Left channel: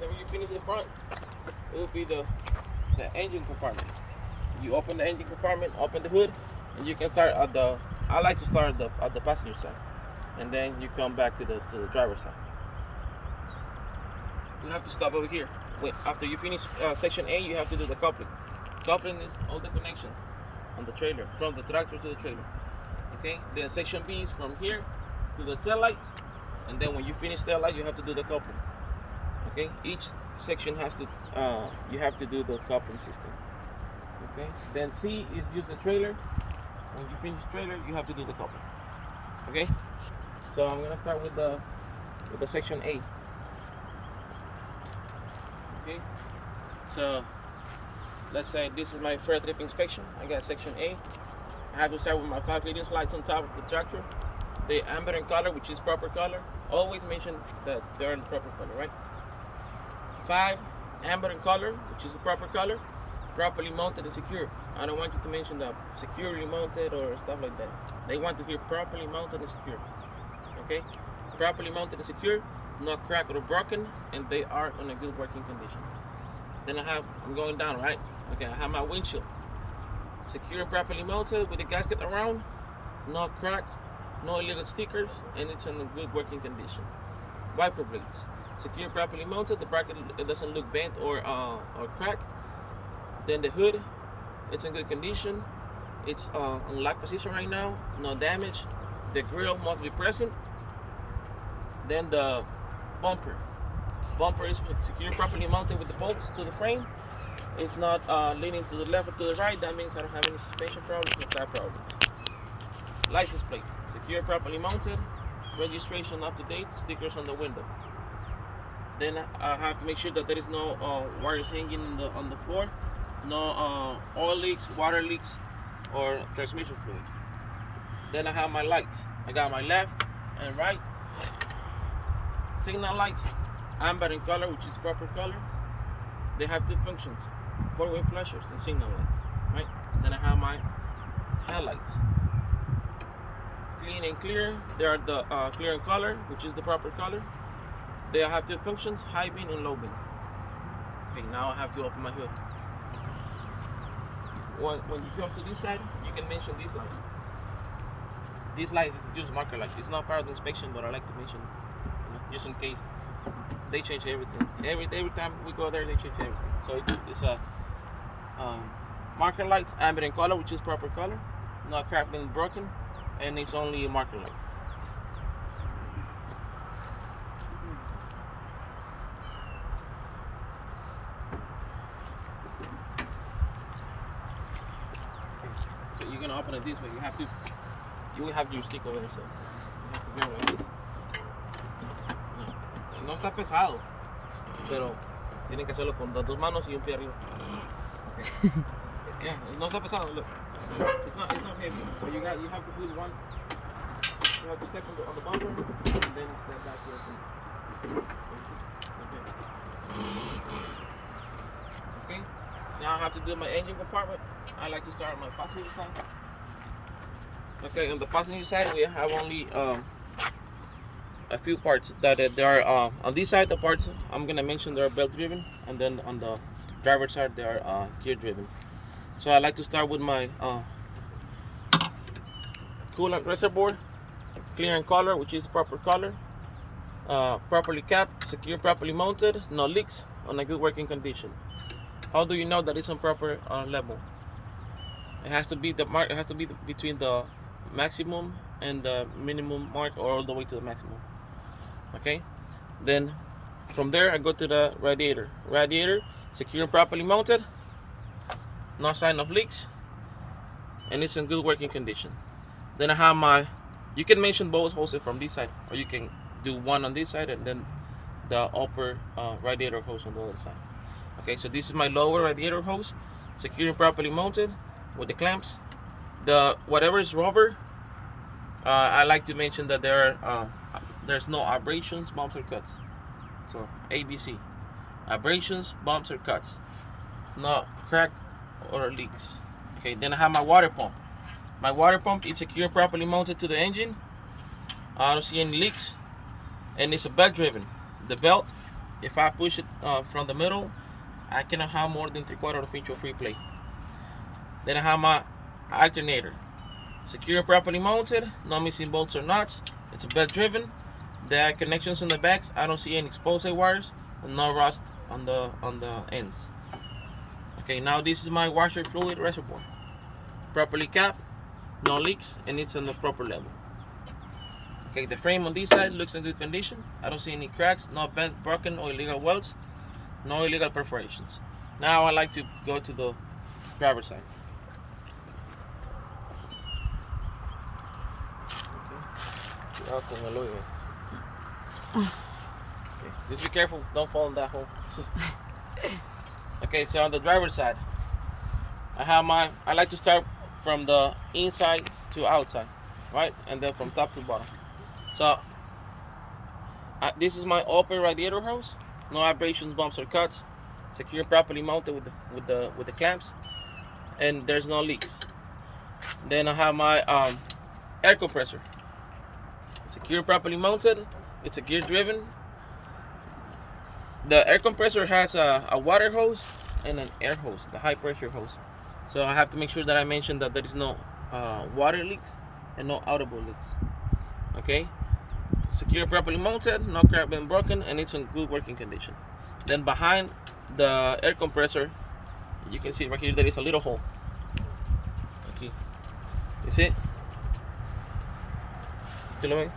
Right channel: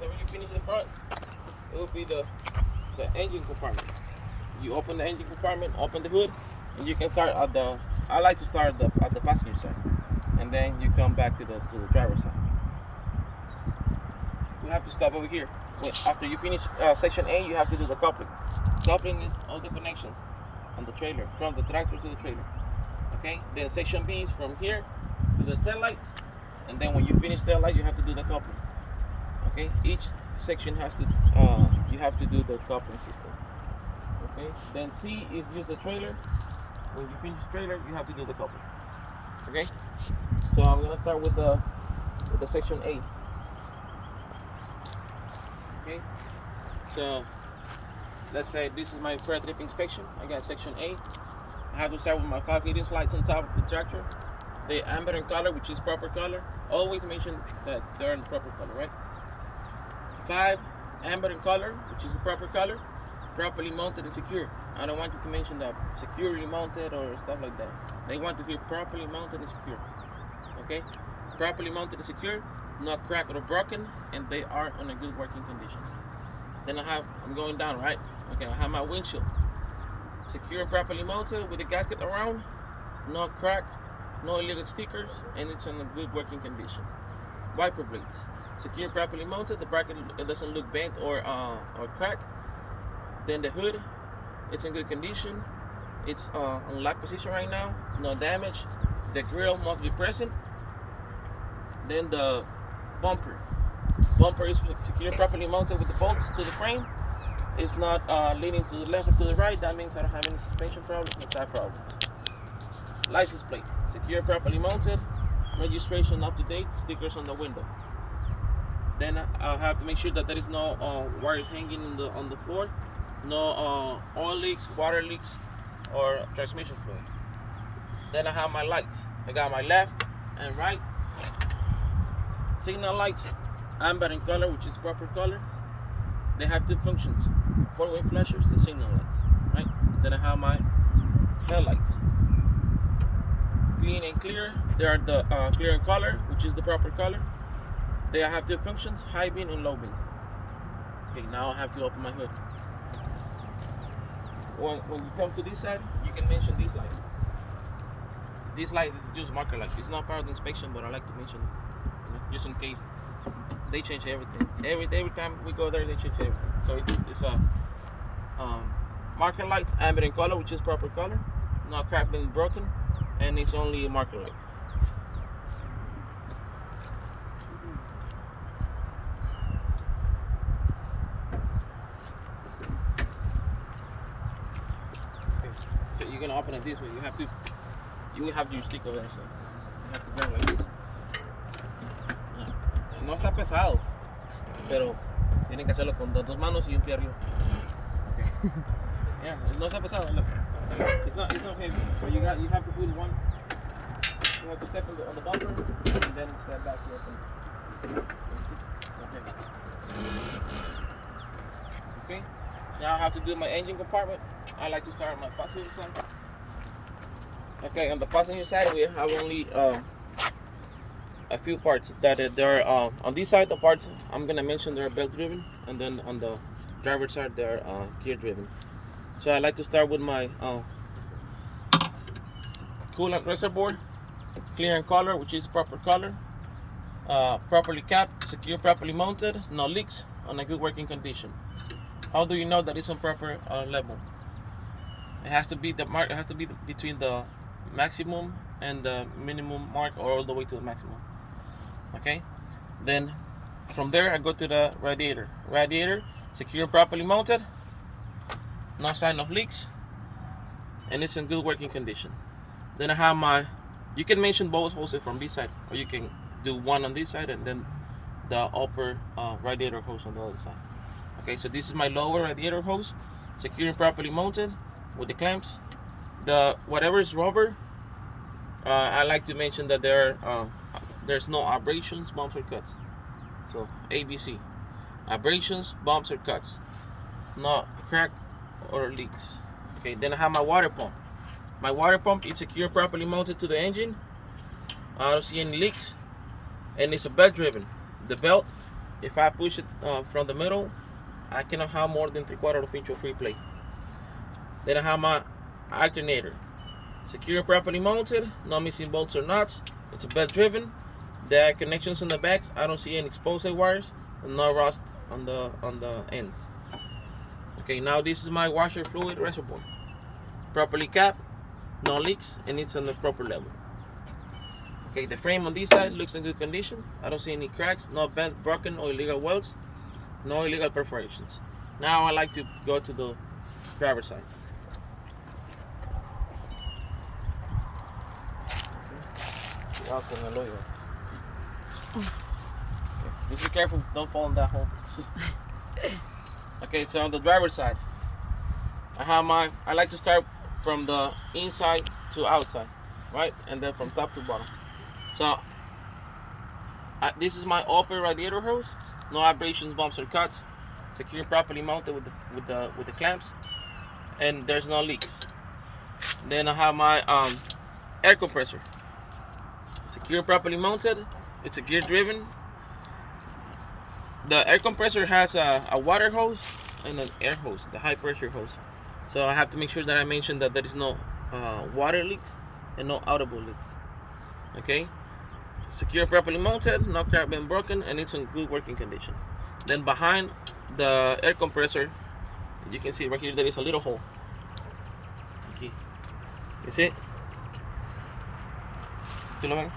then when you finish the front, it will be the engine compartment. You open the engine compartment, open the hood, and you can start at the. I like to start at the passenger side, and then you come back to the driver's side. You have to stop over here. After you finish section A, you have to do the coupling. Coupling is all the connections on the trailer, from the tractor to the trailer. Okay. Then section B is from here to the tail lights, and then when you finish tail light, you have to do the coupling. Okay. Each section has to you have to do the coupling system. Okay. Then C is just the trailer. When you finish trailer, you have to do the coupling. Okay. So I'm gonna start with the section A. Okay. So let's say this is my Pretrip inspection. I got section A. I have to start with my 5 radius lights on top of the tractor. The amber and color, which is proper color. Always mention that they're in the proper color, right? 5 amber and color, which is the proper color, properly mounted and secure. I don't want you to mention that securely mounted or stuff like that. They want to hear properly mounted and secure. Okay? Properly mounted and secure, not cracked or broken, and they are in a good working condition. Then I'm going down, right? Okay, I have my windshield. Secure and properly mounted with the gasket around, no crack, no illegal stickers, and it's in a good working condition. Wiper blades. Secure and properly mounted, the bracket it doesn't look bent or cracked. Then the hood, it's in good condition. It's on lock position right now, no damage. The grill must be present. Then the bumper is secure, properly mounted with the bolts to the frame. It's not leaning to the left or to the right. That means I don't have any suspension problems, no tire problem. License plate, secure, properly mounted. Registration up to date. Stickers on the window. Then I have to make sure that there is no wires hanging on the floor, no oil leaks, water leaks, or transmission fluid. Then I have my lights. I got my left and right signal lights, amber in color, which is proper color. They have 2 functions: 4-way flashers and signal lights. Right. Then I have my headlights. Clean and clear. They are the clear in color, which is the proper color. They have 2 functions: high beam and low beam. Okay, now I have to open my hood. When you come to this side, you can mention this light. This light is just marker light. It's not part of the inspection, but I like to mention it, just in case they change everything. Every time we go there, they change everything. So it's a marker light, amber in color, which is proper color, not cracked and broken, and it's only a marker light. So you're gonna open it this way. You will have your stick over there, so you have to grab it like this. No está pesado, pero tienen que hacerlo con 2 manos y un pie arriba. Okay. Yeah, no está pesado. Look, it's not heavy. But you have to put one. You have to step on the bumper and then step back here. Okay. Now I have to do my engine compartment. I like to start on my passenger side. Okay, on the passenger side we have only a few parts that there are on this side. The parts I'm gonna mention they're belt driven, and then on the driver's side they are gear driven. So I like to start with my coolant reservoir, clear in color, which is proper color, properly capped, secure, properly mounted, no leaks, on a good working condition. How do you know that it's on proper level? It has to be between the maximum and the minimum mark, or all the way to the maximum. Okay. Then from there I go to the radiator. Radiator secure, properly mounted, no sign of leaks, and it's in good working condition. Then I have you can mention both hoses from this side, or you can do one on this side and then the upper radiator hose on the other side. Okay, so this is my lower radiator hose, secure and properly mounted with the clamps. The whatever is rubber, I like to mention that there's no abrasions, bumps, or cuts. So ABC, abrasions, bumps, or cuts, no crack or leaks. Okay, then I have my water pump. My water pump is secure, properly mounted to the engine. I don't see any leaks, and it's a belt driven. The belt if I push it from the middle, I cannot have more than 3/4 inch of free play. Then I have my alternator. Secure, properly mounted, no missing bolts or nuts. It's a belt driven. The connections on the backs, I don't see any exposed wires and no rust on the ends. Okay, now this is my washer fluid reservoir. Properly capped, no leaks, and it's on the proper level. Okay, the frame on this side looks in good condition. I don't see any cracks, no bent, broken, or illegal welds, no illegal perforations. Now I like to go to the driver's side. Okay, just be careful, don't fall in that hole. Okay, so on the driver's side, I like to start from the inside to outside, right? And then from top to bottom. So this is my open radiator hose, no abrasions, bumps, or cuts, secure, properly mounted with the clamps, and there's no leaks. Then I have my air compressor, secure, properly mounted. It's a gear driven. The air compressor has a water hose and an air hose, the high pressure hose. So I have to make sure that I mention that there is no water leaks and no audible leaks. Okay, secure, properly mounted, no crack, been broken, and it's in good working condition. Then behind the air compressor, you can see right here there is a little hole. Okay, you see it? Still going?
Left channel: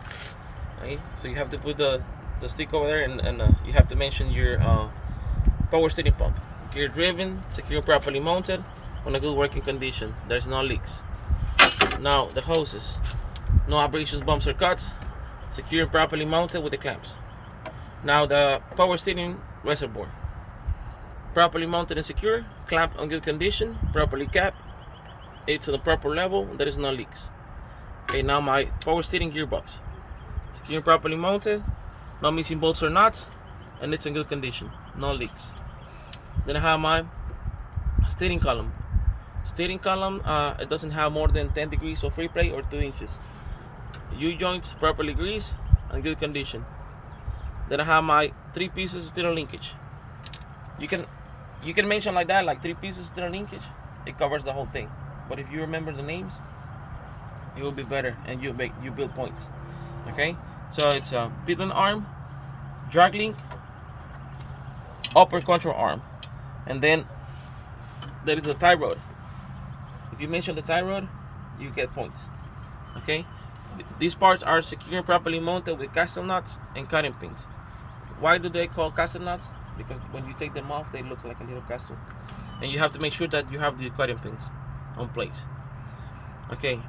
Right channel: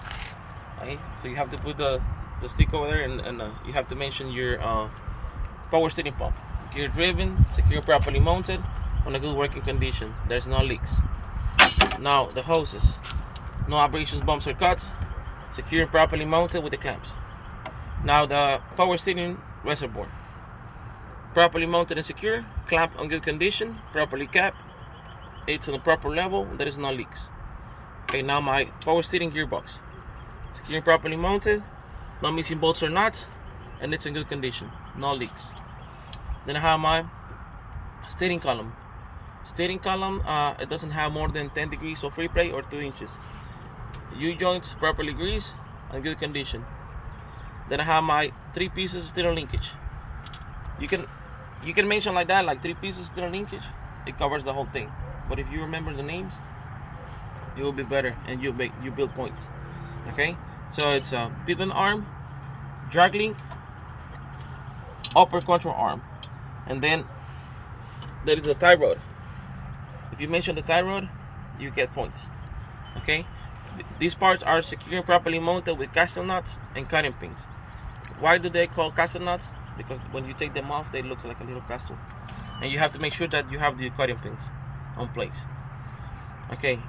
Okay, so you have to put the stick over there, and you have to mention your power steering pump. Gear driven, secure, properly mounted, on a good working condition. There's no leaks. Now the hoses, no abrasions, bumps, or cuts, secure and properly mounted with the clamps. Now the power steering reservoir, properly mounted and secure, clamp on good condition, properly capped, it's on the proper level, there is no leaks. Okay, now my power steering gearbox, secure and properly mounted, no missing bolts or nuts, and it's in good condition, no leaks. Then I have my steering column. Steering column, it doesn't have more than 10 degrees of free play or 2 inches. U-joints properly greased and good condition. Then I have my 3 pieces steering linkage. You can mention like that, like 3 pieces steering linkage. It covers the whole thing. But if you remember the names, it will be better, and you build points. Okay, so it's a pitman arm, drag link, upper control arm, and then there is a tie rod. If you mention the tie rod, you get points. Okay, these parts are secure and properly mounted with castle nuts and cutting pins. Why do they call castle nuts? Because when you take them off, they look like a little castle, and you have to make sure that you have the cutting pins on place. Okay,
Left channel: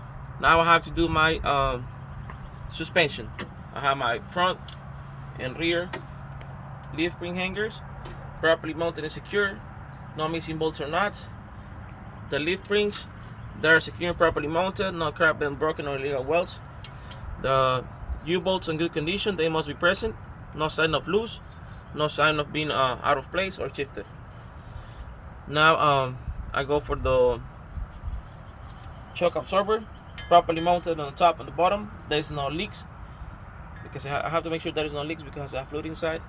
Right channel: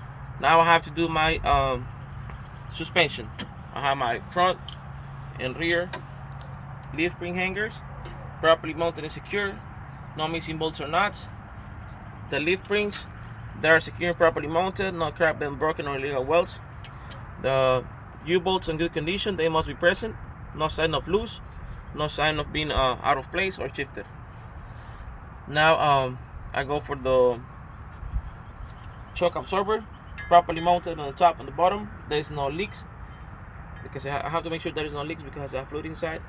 now I have to do my suspension. I have my front and rear leaf spring hangers properly mounted and secure, no missing bolts or nuts. The leaf springs, they are secure and properly mounted, no crack, been broken, or illegal welds. The U-bolts in good condition, they must be present, no sign of loose, no sign of being out of place or shifted. Now I go for the shock absorber, properly mounted on the top and the bottom. There is no leaks, because I have to make sure there is no leaks because I have fluid inside.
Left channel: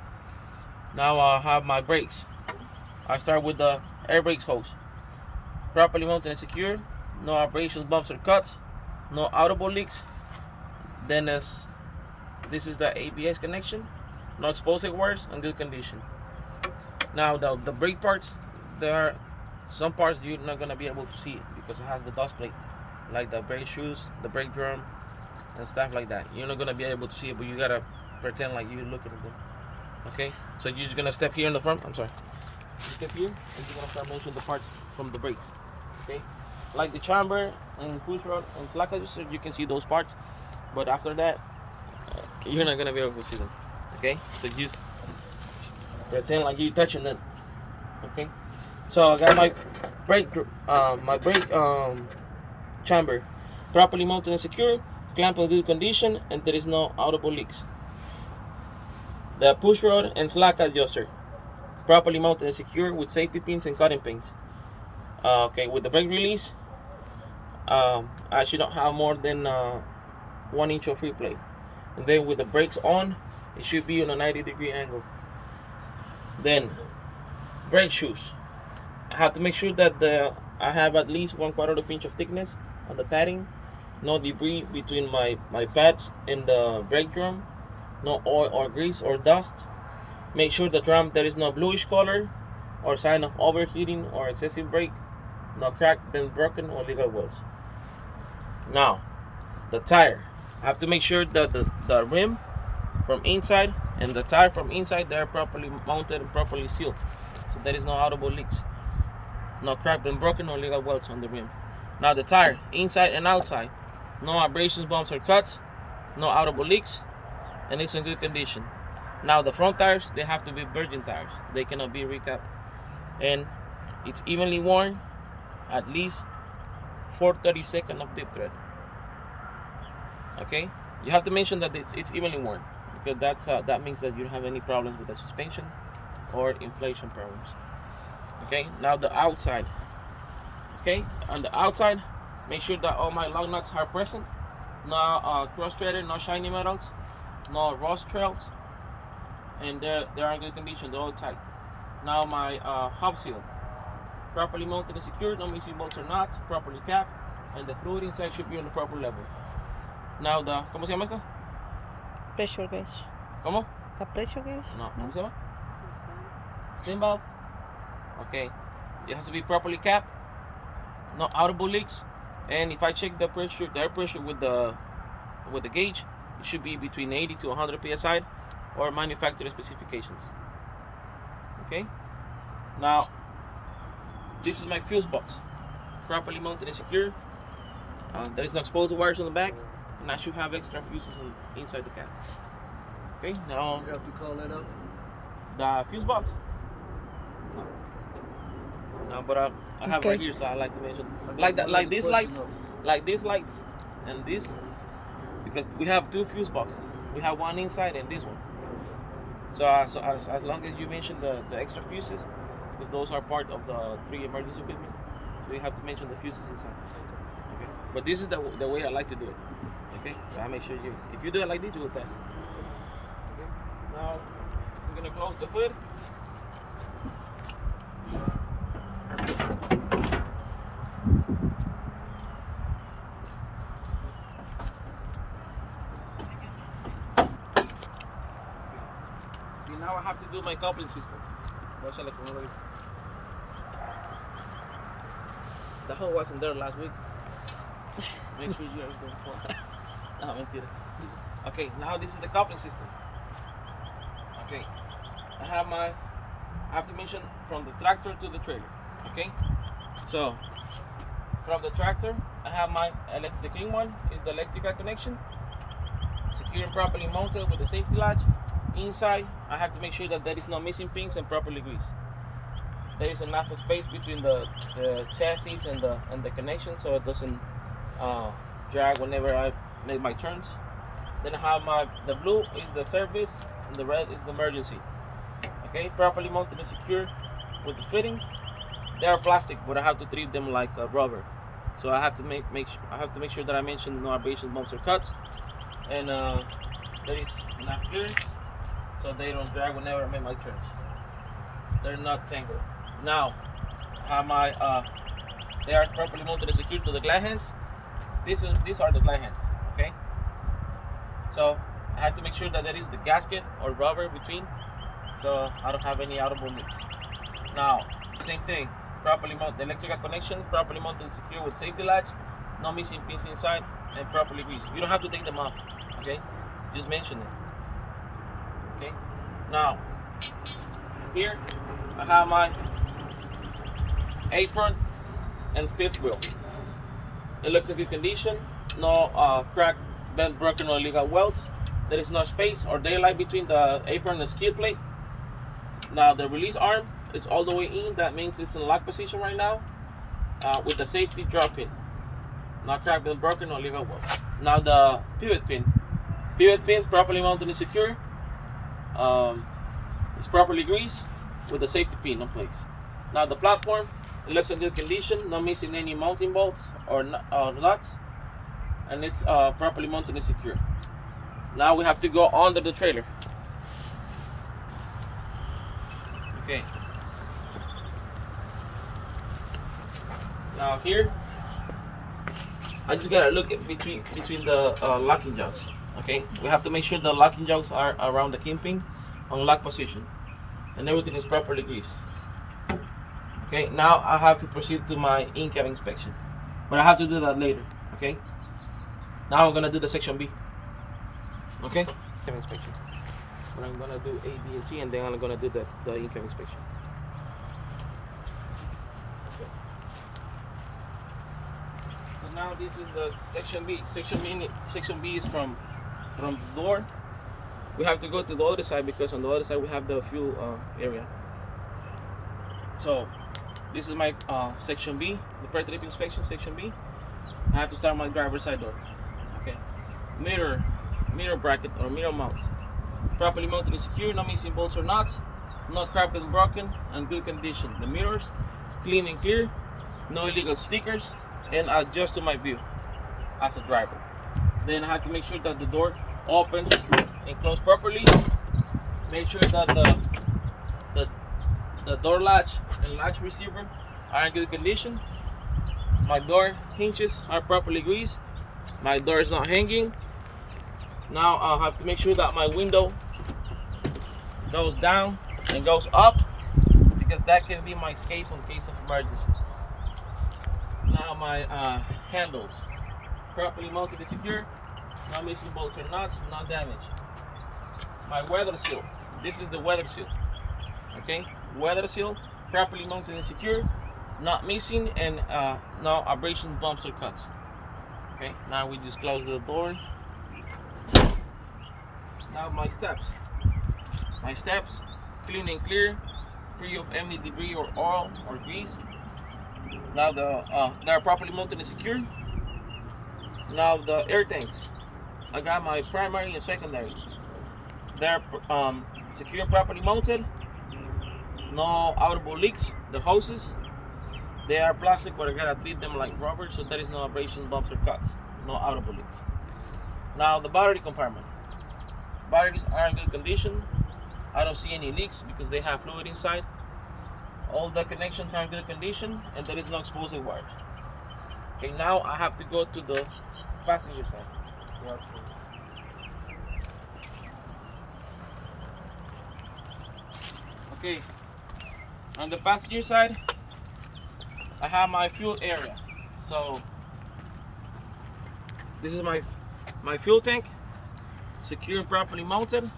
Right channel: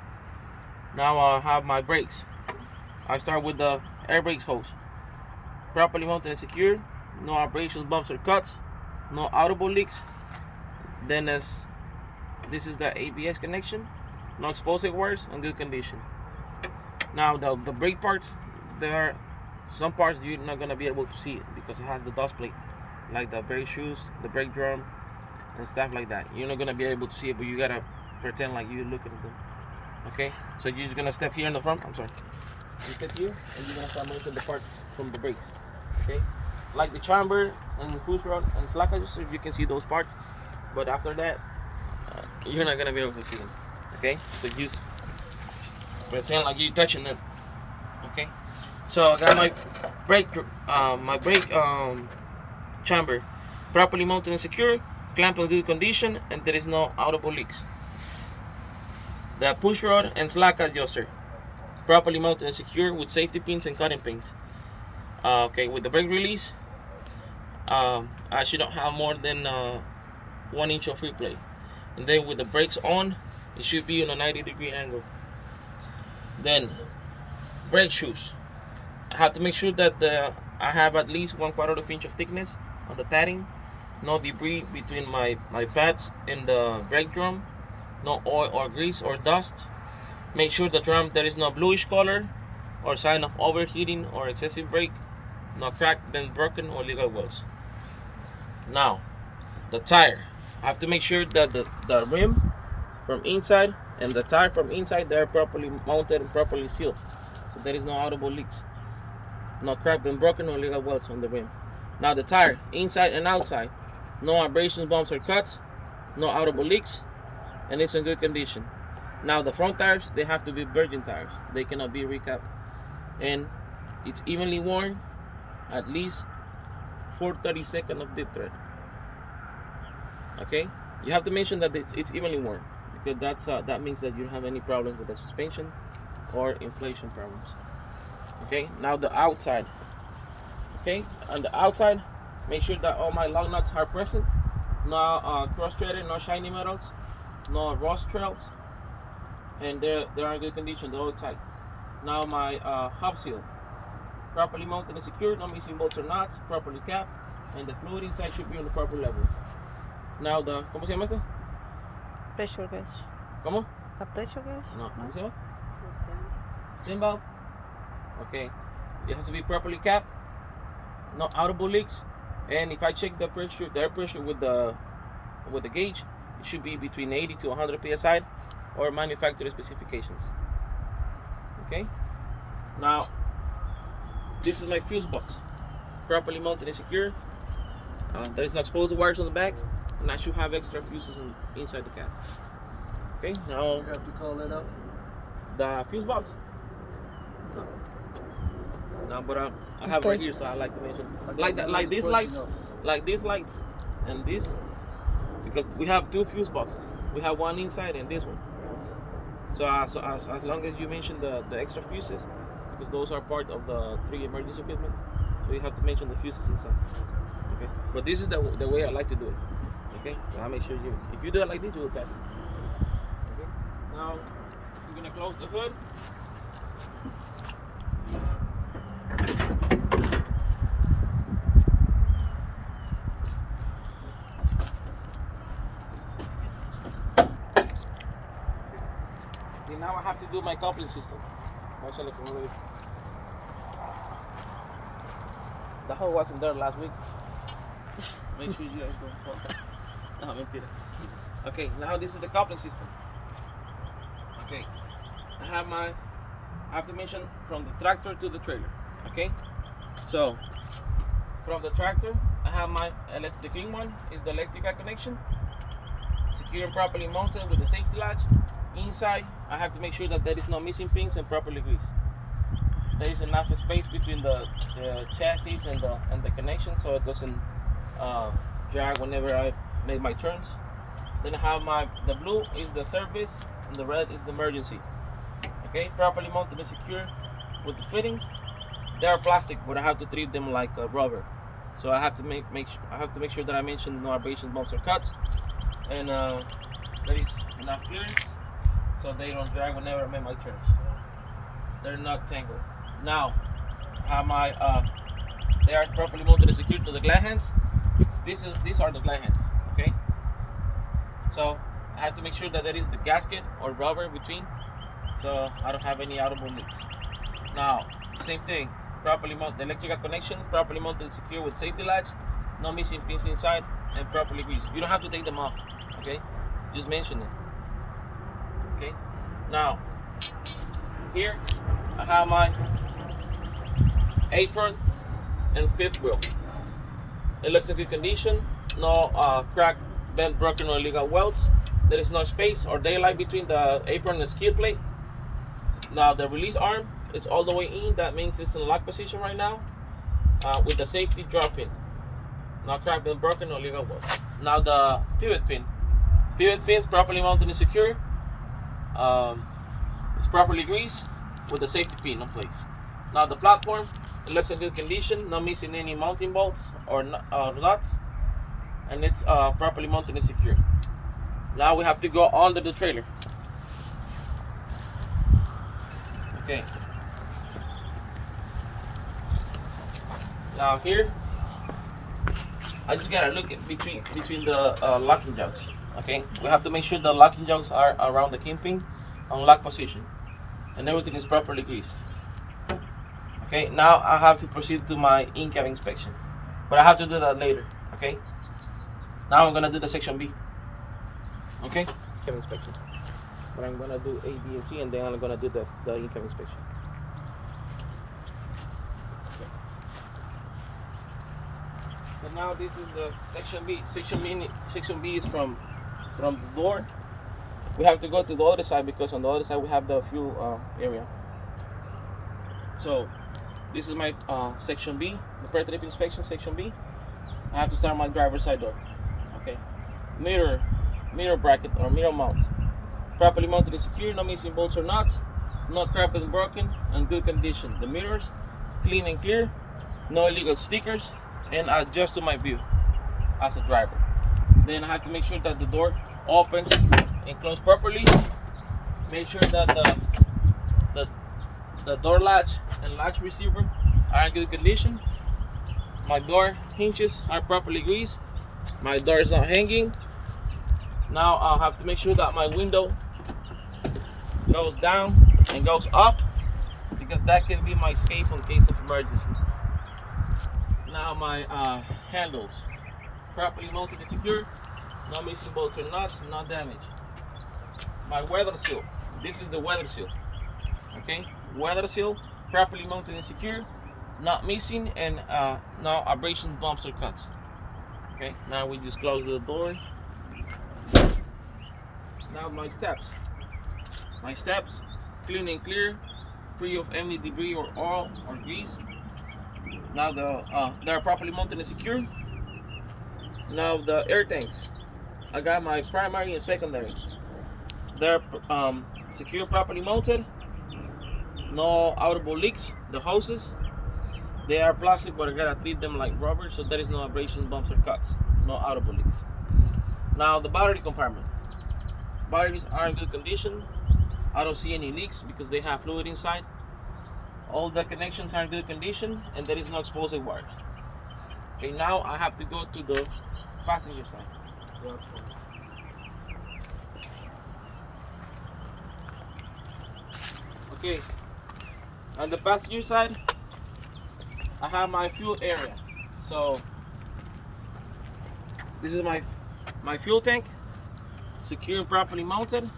Now I have my brakes. I start with the air brakes hose, properly mounted and secure, no abrasions, bumps, or cuts, no audible leaks. Then this is the ABS connection, no exposed wires, in good condition. Now the brake parts, there are some parts you're not gonna be able to see it because it has the dust plate, like the brake shoes, the brake drum, and stuff like that. You're not gonna be able to see it, but you gotta pretend like you're looking at them. Okay, so you're just gonna step here in the front. I'm sorry. You step here, and you're gonna start measuring the parts from the brakes. Okay, like the chamber and push rod and slack adjuster, you can see those parts, but after that, you're not gonna be able to see them. Okay, so just pretend like you're touching them. Okay, so I got my brake chamber properly mounted and secure, clamp in good condition, and there is no audible leaks. The push rod and slack adjuster properly mounted and secure with safety pins and cutting pins. Okay, with the brake release, I should not have more than 1 inch of free play, and then with the brakes on, it should be on a 90-degree angle. Then brake shoes. I have to make sure that I have at least 1/4 inch of thickness on the padding. No debris between my pads and the brake drum. No oil or grease or dust. Make sure the drum there is no bluish color or sign of overheating or excessive brake. No crack, bent, broken, or legal welds. Now, the tire. I have to make sure that the rim from inside and the tire from inside they are properly mounted and properly sealed, so there is no audible leaks. No crack, been broken, or legal welds on the rim. Now the tire, inside and outside, no abrasions, bumps, or cuts, no audible leaks, and it's in good condition. Now the front tires, they have to be virgin tires. They cannot be recapped, and it's evenly worn, at least 4/32 of deep thread. Okay, you have to mention that it's evenly worn because that means that you don't have any problems with the suspension or inflation problems. Okay, now the outside. Okay, on the outside, make sure that all my lug nuts are present. No cross-threaded, no shiny metals, no rust trails, and they are in good condition. They're all tight. Now my hub seal, properly mounted and secured, no missing bolts or nuts, properly capped, and the fluid inside should be on the proper level. Now ¿cómo se llama esto? Pressure gauge. ¿Cómo? ¿A pressure gauge? No, ¿cómo se llama? Steam valve. Okay, it has to be properly capped, no audible leaks, and if I check the air pressure with the gauge, it should be between 80 to 100 psi or manufacturer specifications. Okay, now this is my fuse box, properly mounted and secure. There is no exposed wires on the back, and I should have extra fuses inside the cab. Okay, now you have to call that out. The fuse box. No, but I have right here, so I like to mention like these lights, and this, because we have two fuse boxes. We have one inside and this one. So as long as you mention the extra fuses, because those are part of the 3 emergency equipment, we have to mention the fuses inside. Okay, but this is the way I like to do it. Okay, so I make sure if you do it like this, you will pass. Okay, now we're gonna close the hood. Now I have to do my coupling system. The hole wasn't there last week. Make sure you guys don't fall. No, mentira. Okay, now this is the coupling system. Okay, I have to mention from the tractor to the trailer. Okay, so from the tractor, I have the clean one is the electrical connection, secure and properly mounted with the safety latch. Inside, I have to make sure that there is no missing pins and properly greased. There is enough space between the chassis and the connection, so it doesn't drag whenever I make my turns. Then I have the blue is the service and the red is the emergency. Okay, properly mounted and secure with the fittings. They are plastic, but I have to treat them like rubber. So I have to make sure that I mention no abrasions, bumps, or cuts, and there is enough clearance so they don't drag whenever I make my turns. They're not tangled. Now, I have they are properly mounted and secured to the glad hands. These are the glad hands. Okay. So I have to make sure that there is the gasket or rubber between, so I don't have any audible leaks. Now, same thing. Properly mounted, the electrical connection, properly mounted and secure with safety latch, no missing pins inside, and properly greased. You don't have to take them off, okay? Just mention it, okay? Now, here I have my apron and fifth wheel. It looks in good condition. No crack, bent, broken, or illegal welds. There is no space or daylight between the apron and the skid plate. Now the release arm, it's all the way in. That means it's in lock position right now with the safety drop pin. Not cracked, been broken, or legal welds. Now the pivot pin. Pivot pin properly mounted and secure. It's properly greased with the safety pin in place. Now the platform, it looks in good condition. Not missing any mounting bolts or nuts. And it's properly mounted and secure. Now we have to go under the trailer. Okay. Now here, I just gotta look at between the locking joints. Okay, we have to make sure the locking joints are around the kingpin on lock position, and everything is properly greased. Okay, now I have to proceed to my in-cab inspection, but I have to do that later. Okay, now I'm gonna do the section B. Okay, in-cab inspection. Where I'm gonna do A, B, and C, and then I'm gonna do the in-cab inspection. Okay. So now this is the section B. Section B is from the door. We have to go to the other side because on the other side we have the fuel area. So this is my section B, the Pretrip inspection, section B. I have to start my driver's side door. Okay. Mirror bracket or mirror mount. Properly mounted and secure, no missing bolts or nuts, no cracked and broken, and good condition. The mirrors, clean and clear, no illegal stickers, and adjust to my view as a driver. Then I have to make sure that the door opens and closes properly. Make sure that the door latch and latch receiver are in good condition. My door hinges are properly greased. My door is not hanging. Now I'll have to make sure that my window goes down and goes up because that can be my escape in case of emergency. Now my handles properly mounted and secure, no missing bolts or nuts, no damage. My weather seal, this is the weather seal. Okay, weather seal properly mounted and secure, not missing, and no abrasion, bumps or cuts. Okay, now we just close the door. Now my steps clean and clear, free of any debris or oil or grease. Now they're properly mounted and secure. Now the air tanks, I got my primary and secondary. They're secure and properly mounted. No audible leaks. The hoses, they are plastic, but I gotta treat them like rubber, so there is no abrasion, bumps or cuts. No audible leaks. Now the battery compartment. Batteries are in good condition. I don't see any leaks because they have fluid inside. All the connections are in good condition and there is no exposed wires. Okay, now I have to go to the passenger side. Okay, on the passenger side, I have my fuel area. So this is my fuel tank, secure and properly mounted.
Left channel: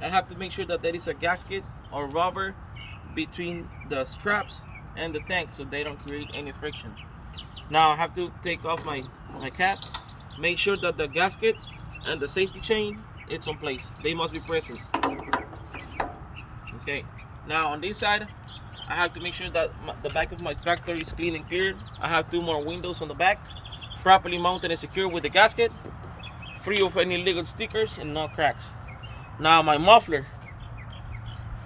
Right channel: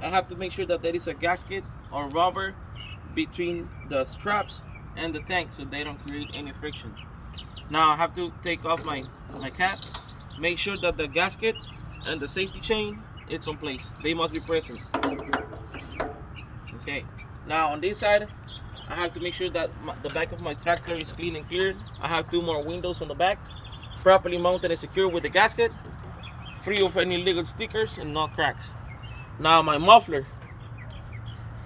I have to make sure that there is a gasket or rubber between the straps and the tank so they don't create any friction. Now I have to take off my cap, make sure that the gasket and the safety chain it's on place. They must be present. Okay, now on this side I have to make sure that the back of my tractor is clean and cleared. I have 2 more windows on the back, properly mounted and secure with the gasket, free of any legal stickers and no cracks. Now my muffler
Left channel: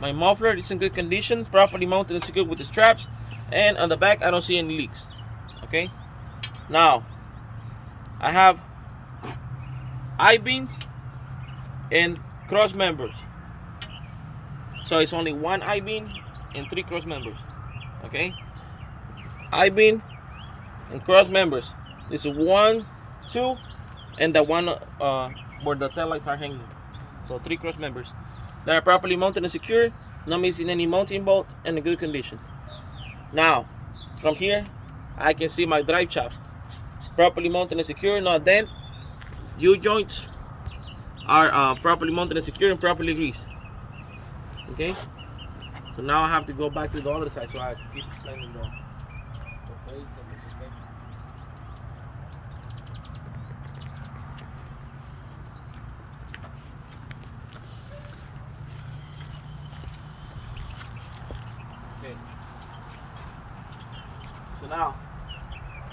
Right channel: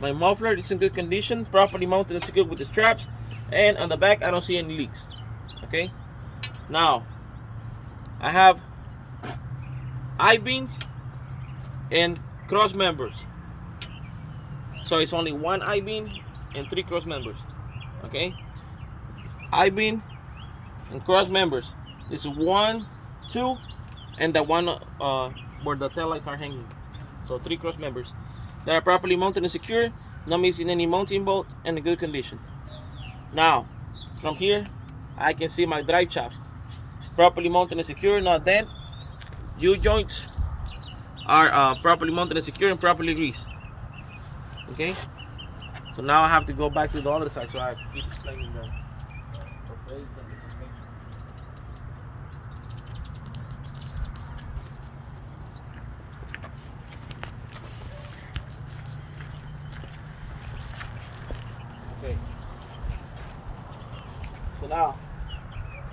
is in good condition, properly mounted and secured with the straps, and on the back I don't see any leaks. Okay, now I have I-beams and cross members, so it's only 1 I-beam and 3 cross members. Okay, I-beam and cross members. This is 1, 2, and the one where the tail lights are hanging. So 3 cross members. They are properly mounted and secure, not missing any mounting bolt, and in good condition. Now, from here, I can see my drive shaft, properly mounted and secure, not dent. U-joints are properly mounted and secure and properly greased. Okay. So now I have to go back to the other side, so I have to keep explaining the blades and the suspension. Okay. So now,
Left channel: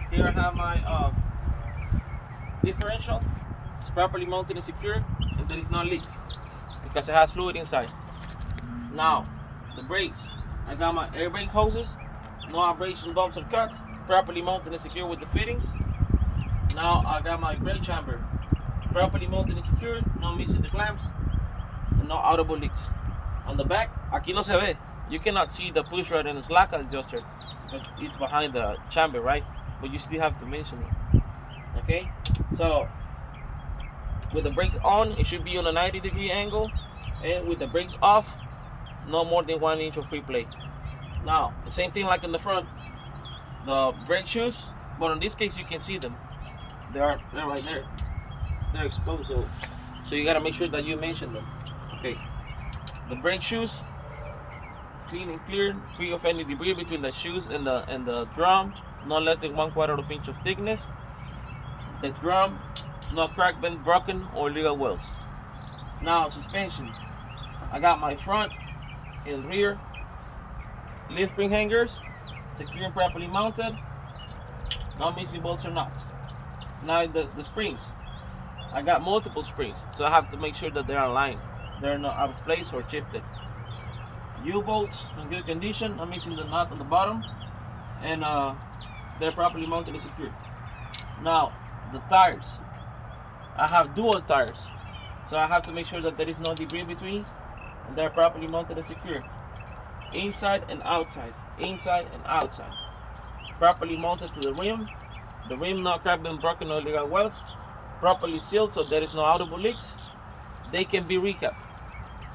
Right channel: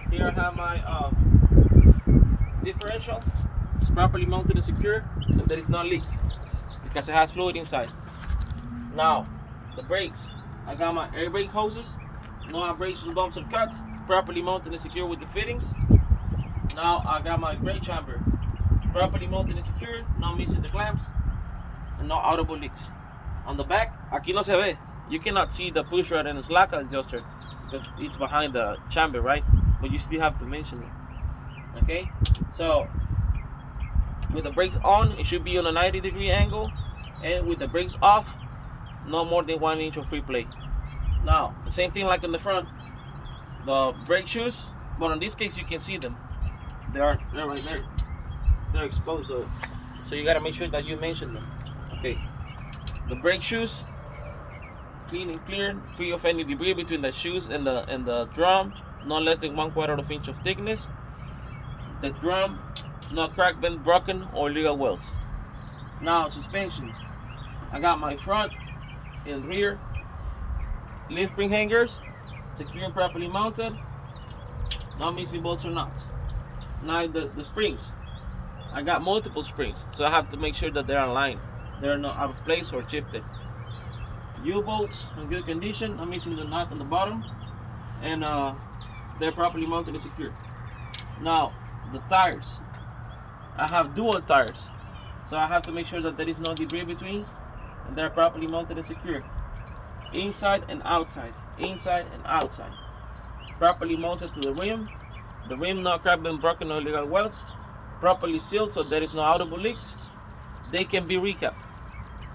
here I have my differential. It's properly mounted and secure, and there is no leaks because it has fluid inside. Now, the brakes. I got my air brake hoses, no abrasion, bumps or cuts, properly mounted and secure with the fittings. Now I got my brake chamber, properly mounted and secure, no missing the clamps, and no audible leaks. On the back, aquí no se ve, You cannot see the push rod and the slack adjuster because it's behind the chamber, right? But you still have to mention it. Okay, so with the brakes on, it should be on a 90-degree angle, and with the brakes off, no more than 1 inch of free play. Now, the same thing like in the front, the brake shoes, but in this case you can see them. They're right there. They're exposed, so you gotta make sure that you mention them. Okay, the brake shoes, clean and clear, free of any debris between the shoes and the drum, no less than 1/4 inch of thickness. The drum, no crack, bent, broken, or illegal welds. Now suspension, I got my front and rear leaf spring hangers, secure and properly mounted, no missing bolts or nuts. Now the springs, I got multiple springs, so I have to make sure that they're aligned. They're not out of place or shifted. U-bolts in good condition, I'm missing the nut on the bottom, and they're properly mounted and secured. Now the tires, I have dual tires, so I have to make sure that there is no debris between, and they're properly mounted and secured. Inside and outside, inside and outside. Properly mounted to the rim not cracked, been broken, or illegal welds. Properly sealed so there is no audible leaks. They can be recapped,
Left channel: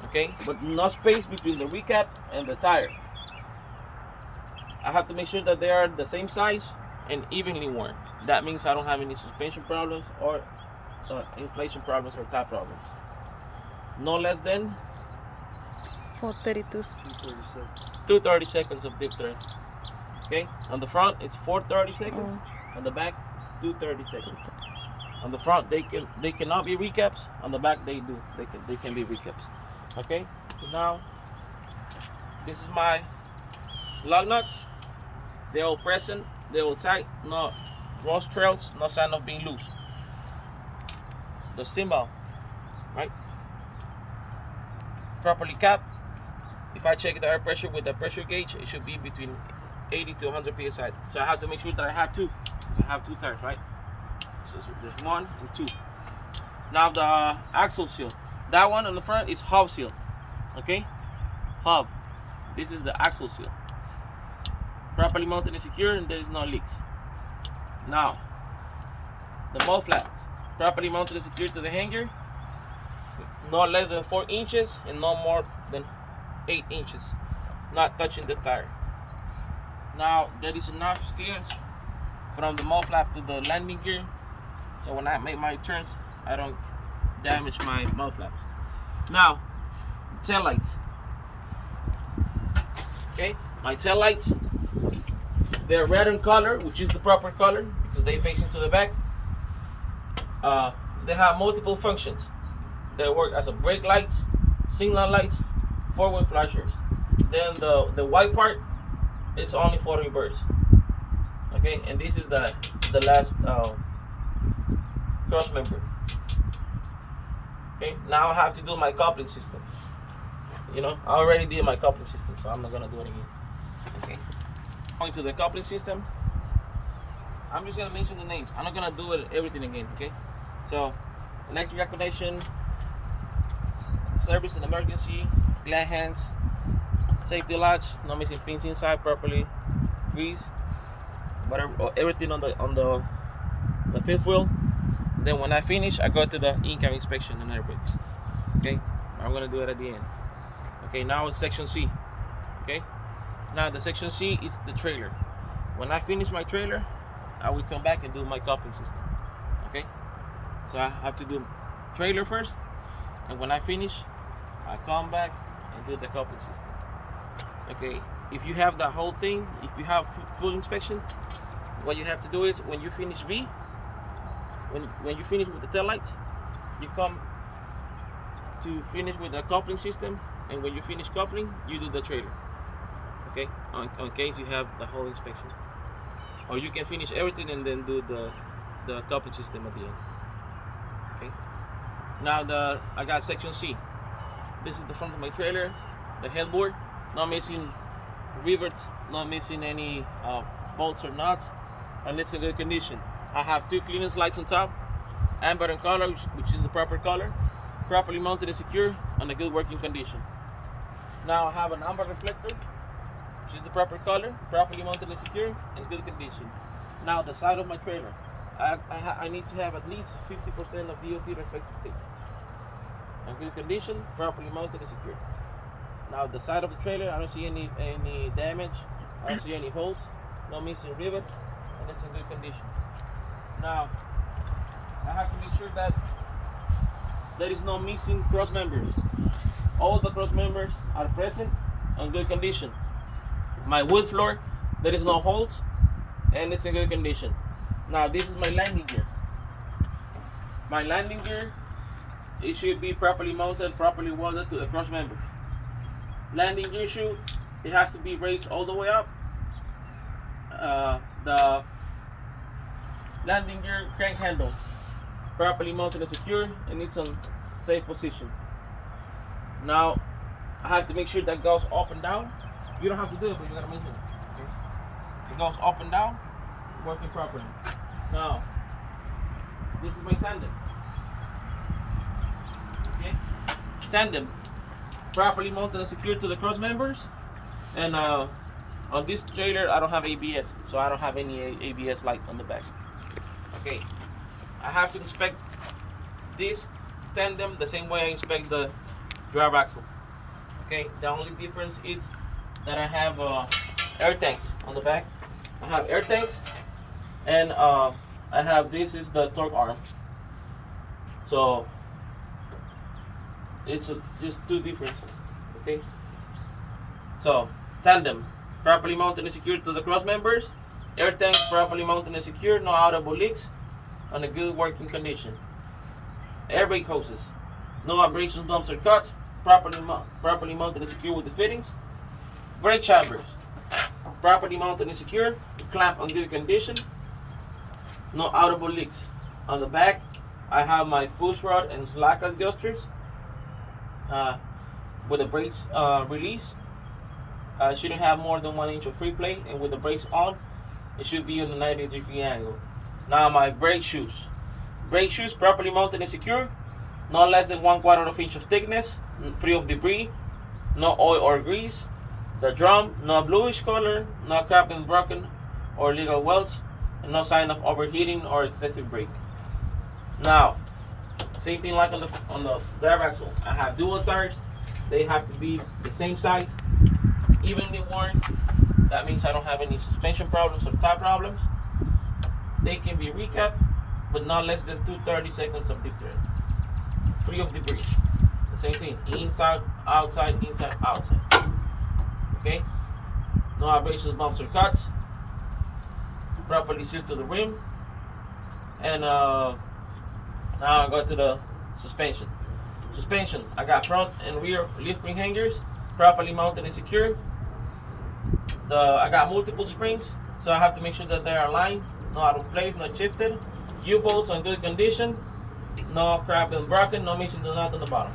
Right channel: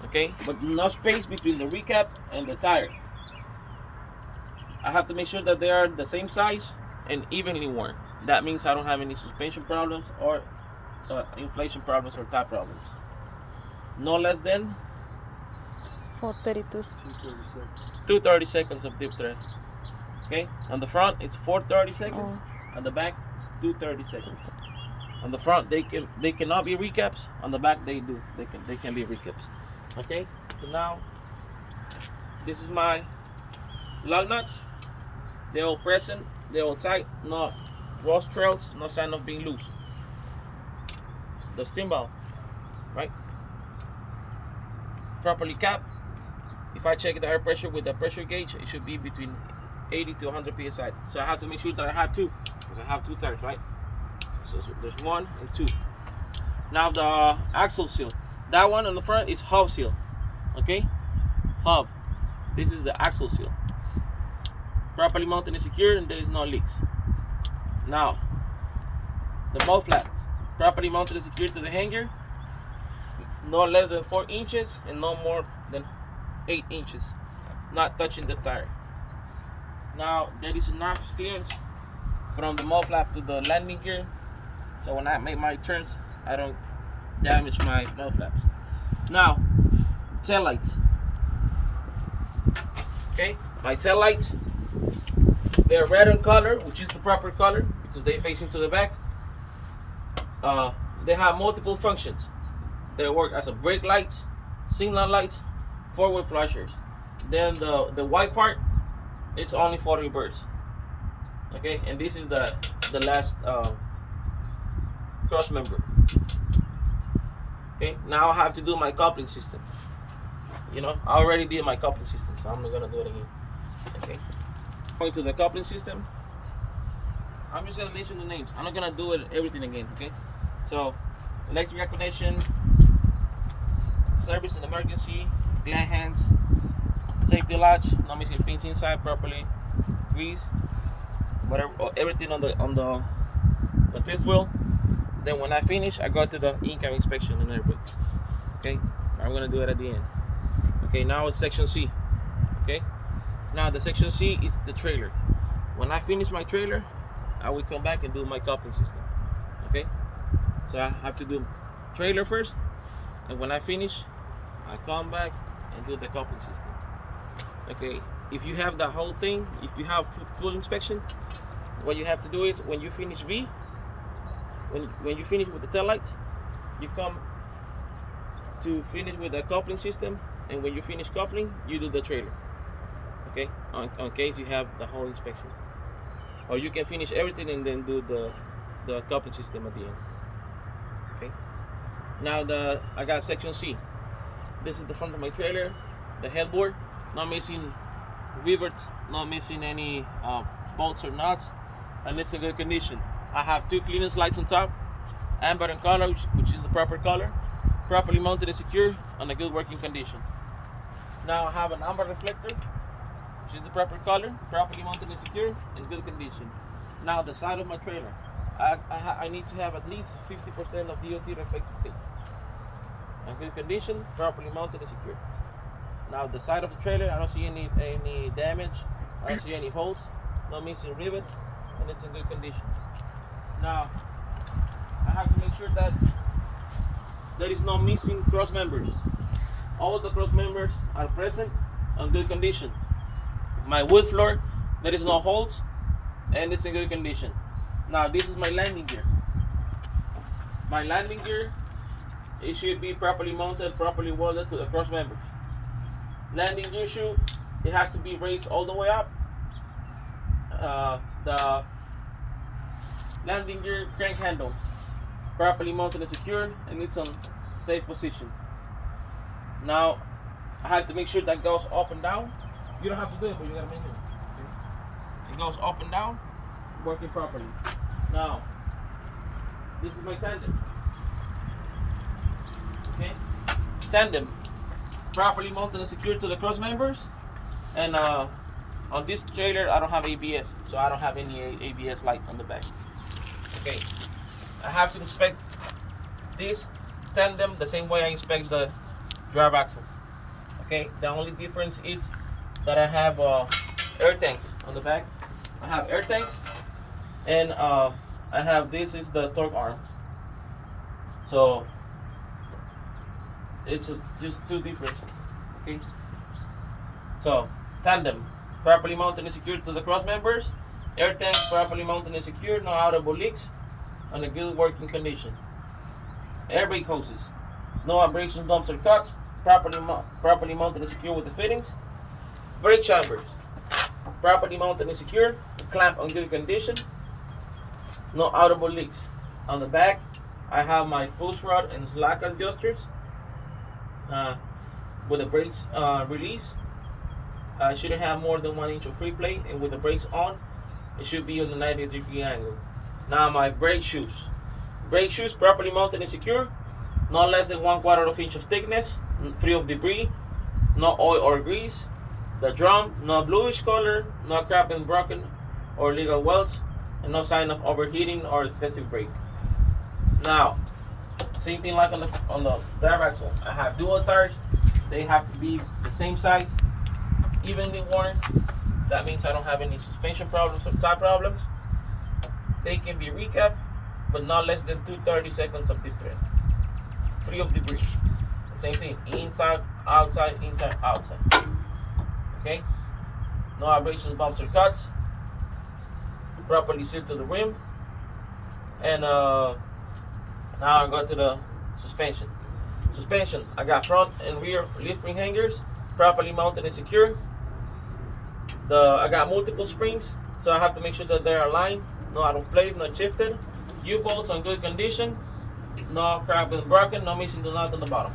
okay? But no space between the recap and the tire. I have to make sure that they are the same size and evenly worn. That means I don't have any suspension problems or inflation problems or tire problems. No less than 432. 230 seconds of dip thread. Okay, on the front it's 430 seconds. On the back, 230 seconds. On the front they cannot be recaps. On the back they do. They can be recaps. Okay, so now this is my lug nuts. They're all present. They're all tight. No rust trails. No sign of being loose. The steam valve, right? Properly capped. If I check the air pressure with the pressure gauge, it should be between 80 to 100 psi. So I have to make sure that I have two. I have two tires, right? So there's 1 and 2. Now the axle seal. That one on the front is hub seal. Okay? Hub. This is the axle seal. Properly mounted and secured, and there is no leaks. Now, the mud flap. Properly mounted and secured to the hanger. No less than 4 inches and no more than 8 inches. Not touching the tire. Now, there is enough clearance from the mud flap to the landing gear, so when I make my turns, I don't damage my mud flaps. Now, tail lights. Okay, my tail lights, they're red in color, which is the proper color because they face into the back. They have multiple functions. They work as a brake lights, signal lights, forward flashers. Then the white part, it's only for reverse. Okay, and this is the last cross member. Okay, now I have to do my coupling system. You know, I already did my coupling system, so I'm not gonna do it again. Okay, going to the coupling system. I'm just gonna mention the names. I'm not gonna do everything again. Okay, so electric connection, service and emergency, glad hands, safety latch, not missing pins inside, properly greased, whatever, everything on the fifth wheel. Then when I finish, I go to the in-cab inspection and air brakes. Okay, I'm gonna do it at the end. Okay, now it's section C. Okay, now the section C is the trailer. When I finish my trailer, I will come back and do my coupling system. Okay, so I have to do trailer first, and when I finish, I come back and do the coupling system. Okay, if you have the whole thing, if you have full inspection, what you have to do is when you finish B, when you finish with the tail lights, you come to finish with the coupling system, and when you finish coupling, you do the trailer. Okay, on case you have the whole inspection, or you can finish everything and then do the coupling system at the end. Okay, now I got section C. This is the front of my trailer, the headboard, not missing rivets, not missing any bolts or nuts, and it's in good condition. I have 2 clearance lights on top, amber in color, which is the proper color, properly mounted and secure, and a good working condition. Now I have an amber reflector, which is the proper color, properly mounted and secure, in good condition. Now the side of my trailer, I need to have at least 50% of DOT reflective tape. In good condition, properly mounted and secure. Now the side of the trailer, I don't see any damage. I don't see any holes, no missing rivets, and it's in good condition. Now I have to make sure that there is no missing cross members. All the cross members are present in good condition. My wood floor, there is no holes, and it's in good condition. Now this is my landing gear. My landing gear, it should be properly mounted, properly welded to the cross members. Landing gear shoe, it has to be raised all the way up. The landing gear crank handle, properly mounted and secured, and it's on safe position. Now I have to make sure that goes up and down. You don't have to do it, but you gotta measure it. Okay? It goes up and down, working properly. Now this is my tandem. Okay, tandem, properly mounted and secured to the cross members. And on this trailer, I don't have ABS, so I don't have any ABS light on the back. Okay, I have to inspect this tandem the same way I inspect the drive axle. Okay, the only difference is that I have air tanks on the back. I have air tanks, and I have, this is the torque arm. So it's just two differences. Okay, so tandem, properly mounted and secured to the cross members. Air tanks, properly mounted and secured, no audible leaks, on a good working condition. Air brake hoses, no abrasion dumps or cuts, properly mounted and secured with the fittings. Brake chambers, properly mounted and secured, clamp on good condition, no audible leaks. On the back, I have my push rod and slack adjusters with the brakes release. I shouldn't have more than 1 inch of free play, and with the brakes on, it should be on the 90-degree angle. Now my brake shoes. Brake shoes, properly mounted and secure, no less than 1/4 inch of thickness, free of debris, no oil or grease. The drum, no bluish color, no cracked and broken or legal welds, and no sign of overheating or excessive brake. Now, same thing like on the drive axle. I have dual tires. They have to be the same size, evenly worn. That means I don't have any suspension problems or tie problems. They can be recapped, but not less than 2 seconds of deep tread, free of debris. The same thing, inside, outside, inside, outside. Okay, no abrasions, bumps, or cuts. Properly sealed to the rim. And now I go to the suspension. Suspension, I got front and rear lift ring hangers, properly mounted and secured. I got multiple springs, so I have to make sure that they are aligned, not out of place, not shifted. U-bolts on good condition, no cracked and broken, no missing the nut on the bottom.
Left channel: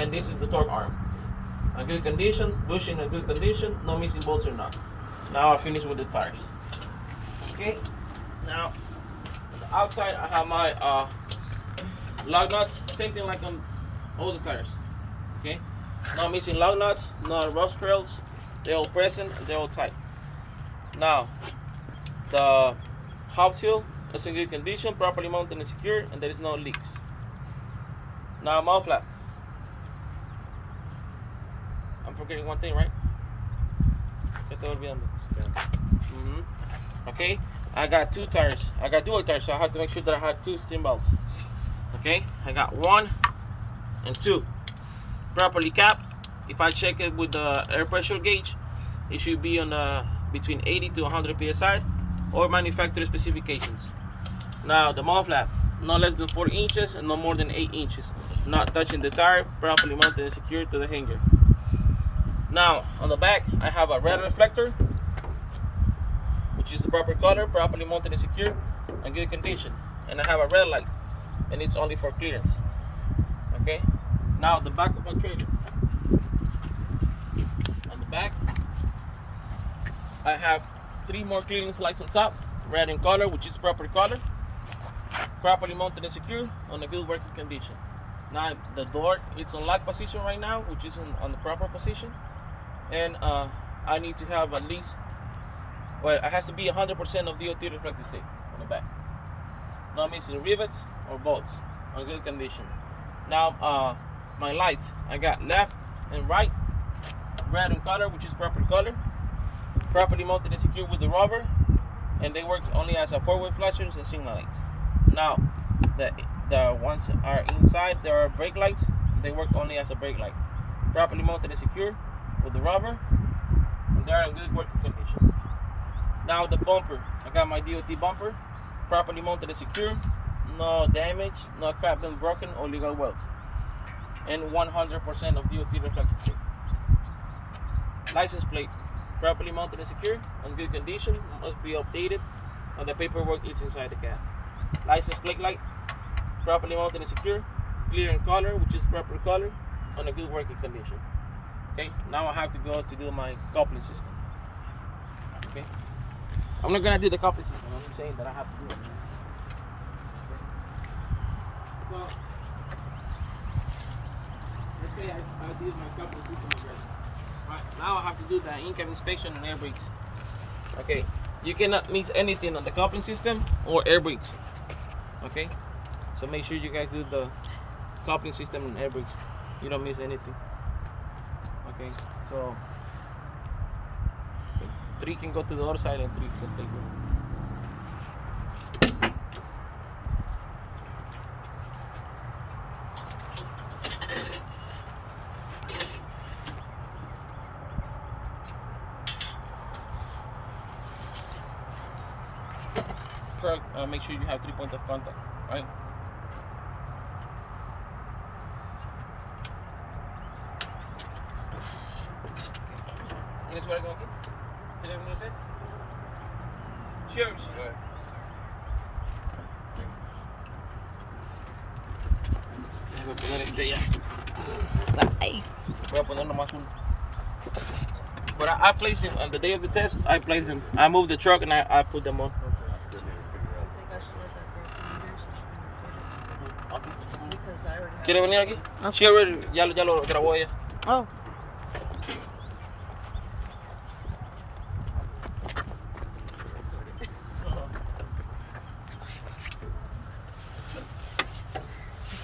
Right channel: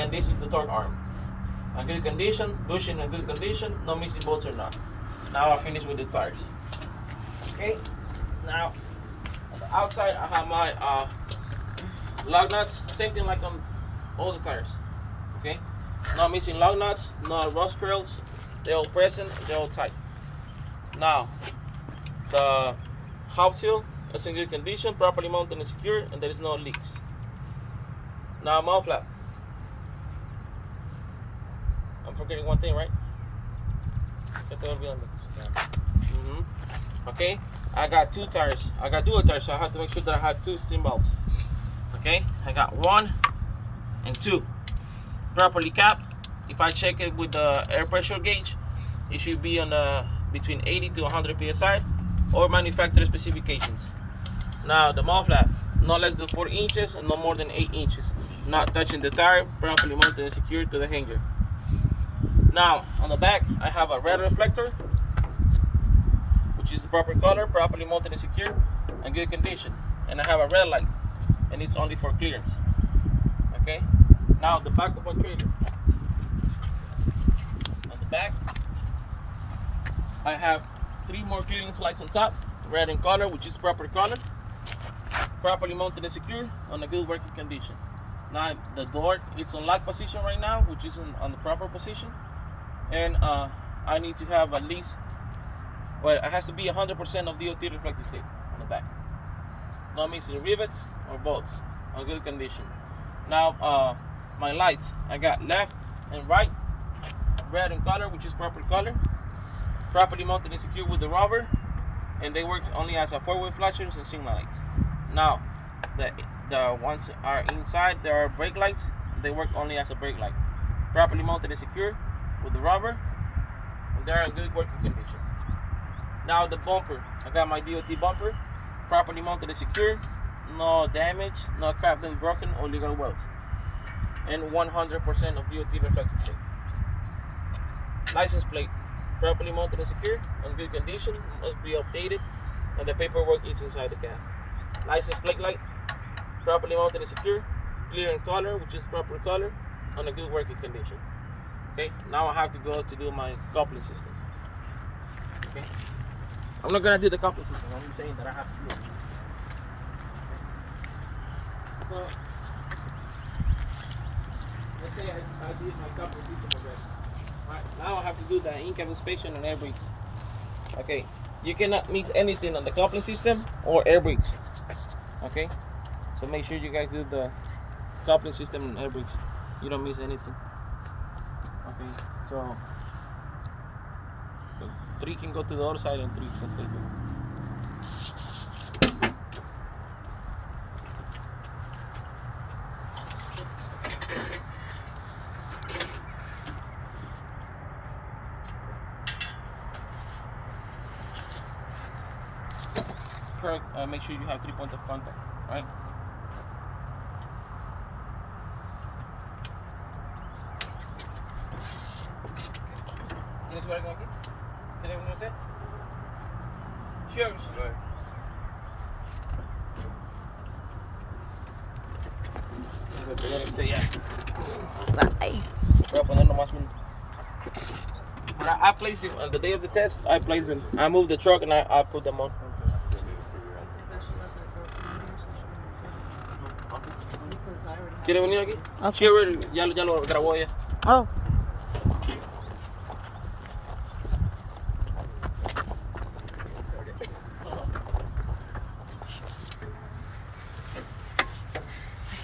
And this is the torque arm. A good condition, bushing in good condition, no missing bolts or nuts. Now I finish with the tires. Okay, now on the outside I have my lug nuts, same thing like on all the tires. Okay, no missing lug nuts, no rust trails, they're all present and they're all tight. Now the hub seal is in good condition, properly mounted and secure, and there is no leaks. Now mount flap. I'm forgetting one thing, right? Okay, I got two tires. I got dual tires, so I have to make sure that I have 2 steam belts. Okay, I got 1 and 2. Properly capped. If I check it with the air pressure gauge, it should be on between 80 to 100 psi, or manufacturer specifications. Now the mount flap, no less than 4 inches and no more than 8 inches. Not touching the tire, properly mounted and secured to the hanger. Now on the back, I have a red reflector, which is the proper color, properly mounted and secured, and good condition. And I have a red light, and it's only for clearance. Okay. Now the back of my trailer. On the back, I have 3 more clearance lights on top, red in color, which is proper color, properly mounted and secure, on a good working condition. Now the door, it's on lock position right now, which is on the proper position. and I need to have at least, well, it has to be 100% of DOT reflective tape on the back. Not missing rivets or bolts, on good condition. Now, my lights, I got left and right, red and color, which is proper color, properly mounted and secured with the rubber, and they work only as a four-way flashers and signal lights. Now, the ones are inside, there are brake lights. They work only as a brake light. Properly mounted and secure with the rubber, and they're in good working condition. Now the bumper, I got my DOT bumper, properly mounted and secure, no damage, no crap been broken or legal welds, and 100% of DOT reflective tape. License plate, properly mounted and secure, in good condition, must be updated, and the paperwork is inside the cab. License plate light, properly mounted and secure, clear in color, which is proper color, on a good working condition. Okay, now I have to go to do my coupling system. Okay, I'm not gonna do the coupling system, I'm saying that I have to do it. Okay. So, let's say I did my coupling system already. Alright, now I have to do the in-cab inspection and air brakes. Okay, you cannot miss anything on the coupling system or air brakes. Okay, so make sure you guys do the coupling system and air brakes. You don't miss anything. Okay, so 3 can go to the other side and 3 can stay here. Make sure you have 3 points of contact, right? ¿Tienes algo aquí? ¿Tienes un hotel? Sure. Go ahead. Voy a poner este ya. Ay. Voy a poner nomás uno. But I placed them on the day of the test. I placed them. I moved the truck and I put them on. ¿Quiere venir aquí? Okay. Sure, ya lo grabó ella. Oh.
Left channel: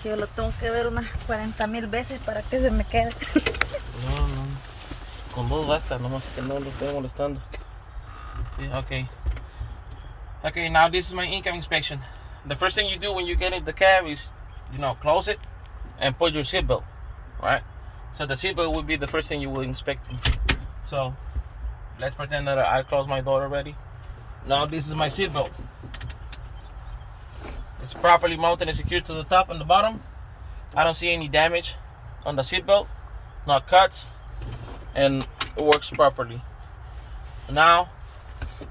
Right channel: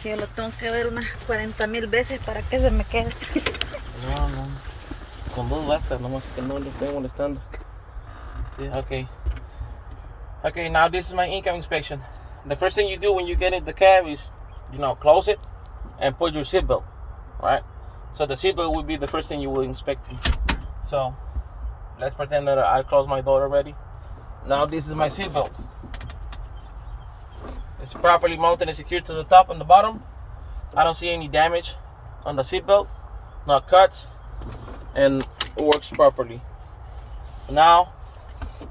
Yo lo tengo que ver unas 40,000 veces para que se me quede. No. Con 2 basta, nomás que no lo estoy molestando. Sí, okay. Okay, now this is my in-cab inspection. The first thing you do when you get in the cab is, close it and put your seatbelt, right? So the seatbelt will be the first thing you will inspect. So let's pretend that I closed my door already. Now this is my seatbelt. It's properly mounted and secured to the top and the bottom. I don't see any damage on the seatbelt, no cuts, and it works properly. Now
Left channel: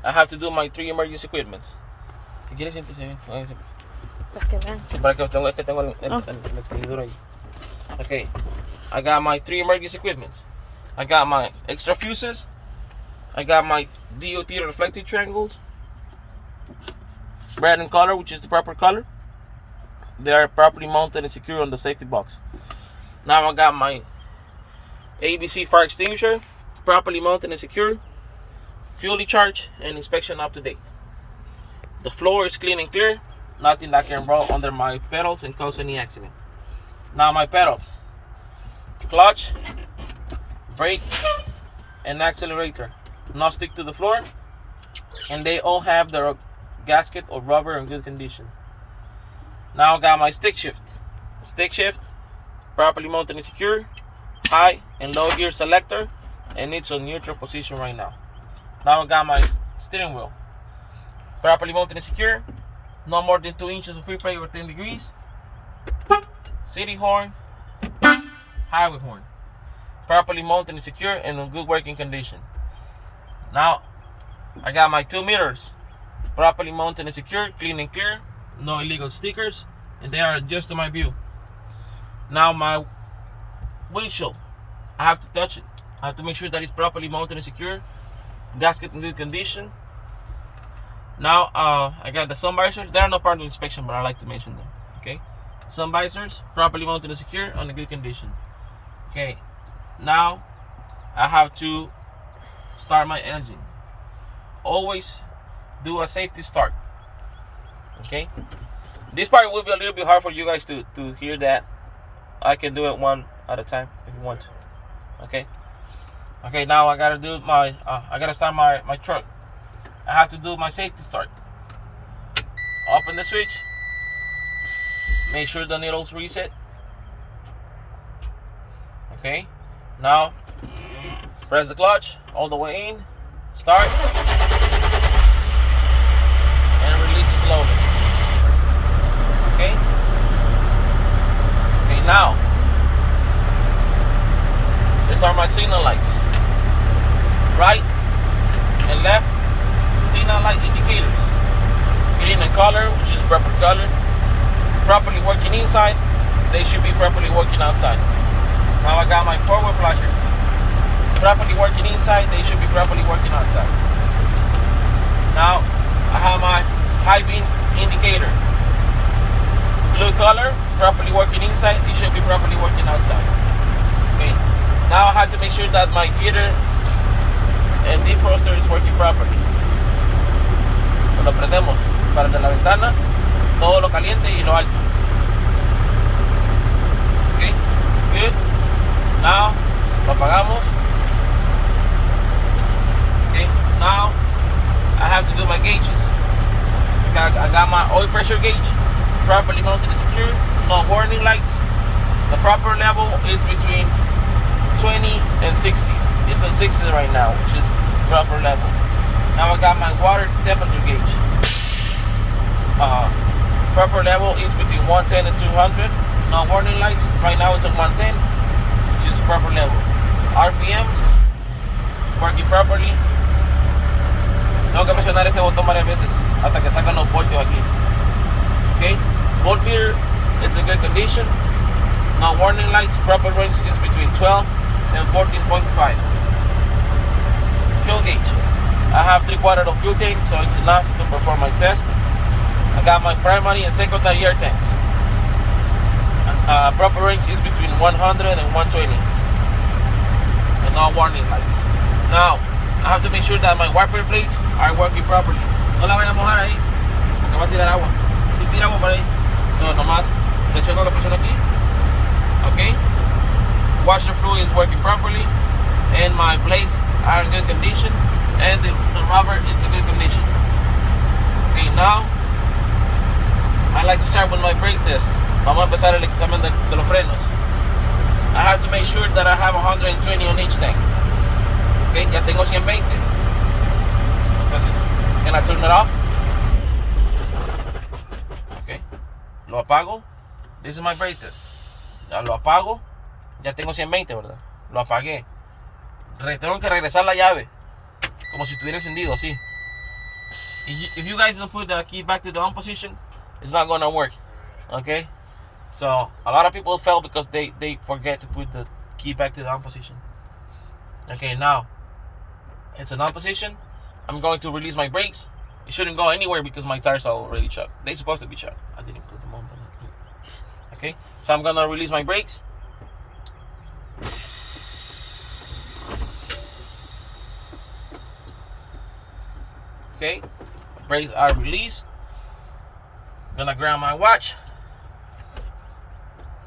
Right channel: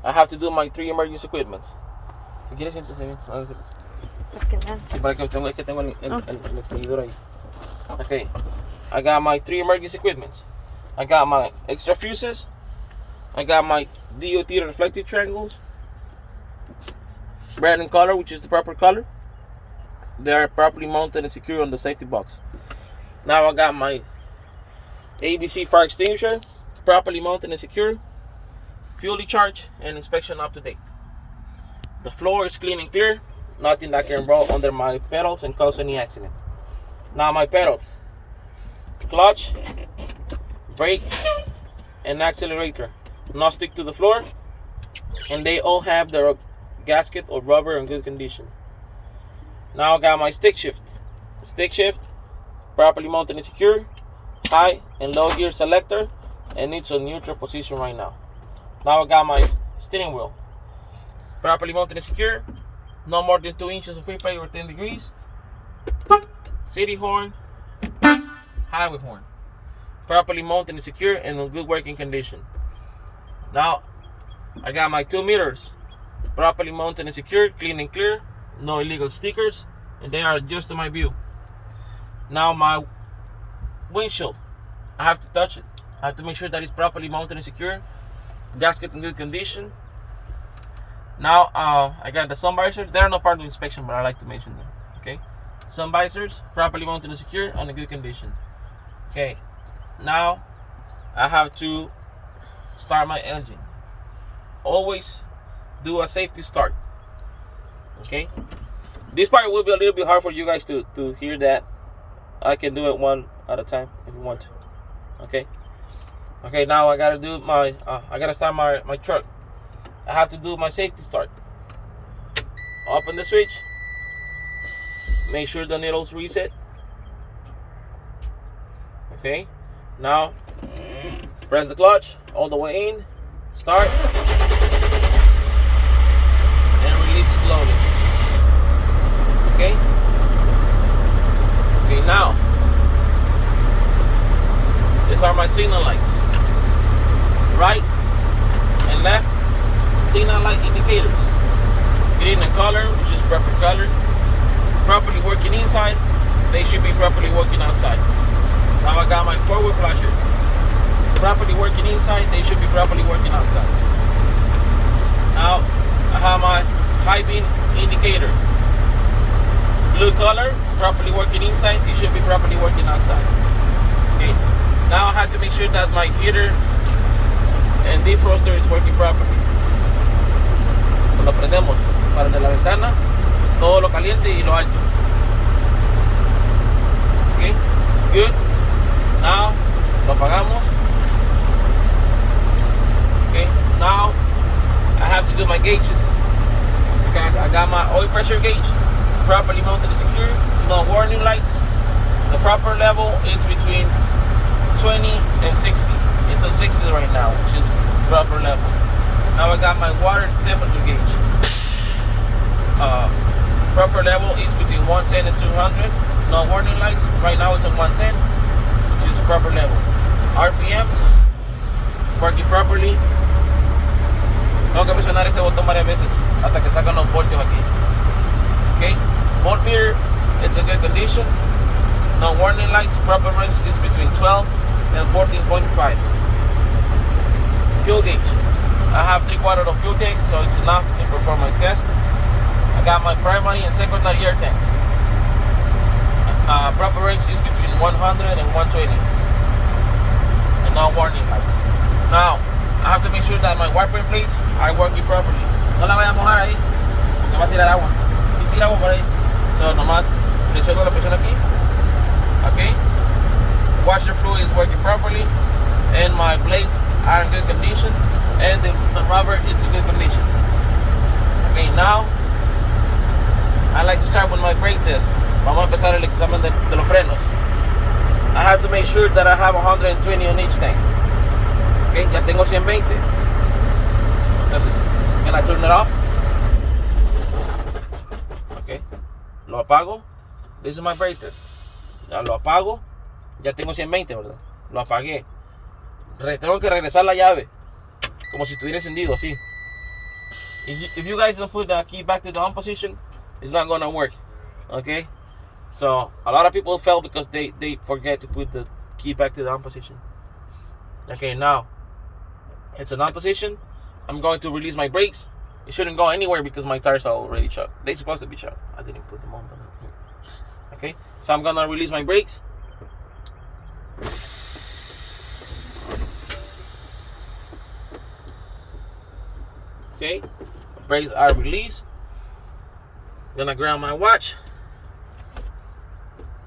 I have to do my 3 emergency equipment. Si quieres siéntese bien. Sí, para que tengo el extinguidor ahí. Okay, I got my 3 emergency equipment. I got my extra fuses. I got my DOT reflective triangles, red in color, which is the proper color. They are properly mounted and secure on the safety box. Now I got my ABC fire extinguisher, properly mounted and secure, fully charged, and inspection up to date. The floor is clean and clear, nothing that can roll under my pedals and cause any accident. Now my pedals, clutch, brake, and accelerator not stick to the floor, and they all have their gasket or rubber in good condition. Now I got my stick shift, properly mounted and secure, high and low gear selector, and it's on neutral position right now. Now I got my steering wheel, properly mounted and secure, no more than 2 inches of free play over 10 degrees, city horn, highway horn, properly mounted and secure and in good working condition. Now I got my 2 mirrors, properly mounted and secure, clean and clear, no illegal stickers, and they are just to my view. Now my windshield, I have to touch it. I have to make sure that it's properly mounted and secure, gasket in good condition. Now I got the sun visors. They are not part of the inspection, but I like to mention them. Okay, sun visors properly mounted and secure, on a good condition. Okay, now I have to start my engine. Always do a safety start. Okay? This part will be a little bit hard for you guys to hear that. I can do it one at a time if you want to. Okay? Okay, now I gotta do my I gotta start my truck. I have to do my safety start. Open the switch. Make sure the needle's reset. Okay, now press the clutch all the way in. Start and release it slowly. Okay. Okay, now these are my signal lights. Right and left signal light indicators. Green and color, which is proper color. Properly working inside, they should be properly working outside. Now I got my forward flashers. Properly working inside, they should be properly working outside. Now I have my high beam indicator. Blue color, properly working inside, it should be properly working outside. Okay. Now I have to make sure that my heater and defroster is working properly. Lo prendemos para de la ventana, todo lo caliente y lo alto. Okay, it's good. Now lo apagamos. Okay, now I have to do my gauges. I got my oil pressure gauge properly mounted and secure. No warning lights. The proper level is between 20 and 60. It's on 60 right now, which is proper level. Now I got my water temperature gauge. Proper level is between 110 and 200. No warning lights. Right now it's on 110, which is proper level. RPM, working properly. Tengo que presionar este botón varias veces hasta que sacan los voltios aquí. Okay, voltmeter, it's in good condition. No warning lights. Proper range is between 12 and 14.5. Fuel gauge. I have 3/4 of fuel tank, so it's enough to perform my test. I got my primary and secondary air tanks. Proper range is between 100 and 120. And no warning lights. Now, I have to make sure that my wiper blades are working properly. No la voy a mojar ahí, porque va a tirar agua. Si tira agua por ahí. So, nomás presiono la presión aquí. Okay. Washer fluid is working properly. And my blades are in good condition. And the rubber is in good condition. Okay, now I like to start with my brake test. Vamos a empezar el examen de los frenos. I have to make sure that I have 120 on each tank. Okay, ya tengo 120. Entonces, can I turn it off? Okay, lo apago. This is my brake test. Ya lo apago. Ya tengo 120, ¿verdad? Lo apagué. Tengo que regresar la llave. Como si estuviera encendido, así. If you guys don't put the key back to the on position, it's not gonna work. Okay? So, a lot of people fail because they forget to put the key back to the on position. Okay, now, it's an on position. I'm going to release my brakes. It shouldn't go anywhere because my tires are already shot. They're supposed to be shot. I didn't put them on. Okay? So, I'm gonna release my brakes. Okay, brakes are released. Gonna grab my watch.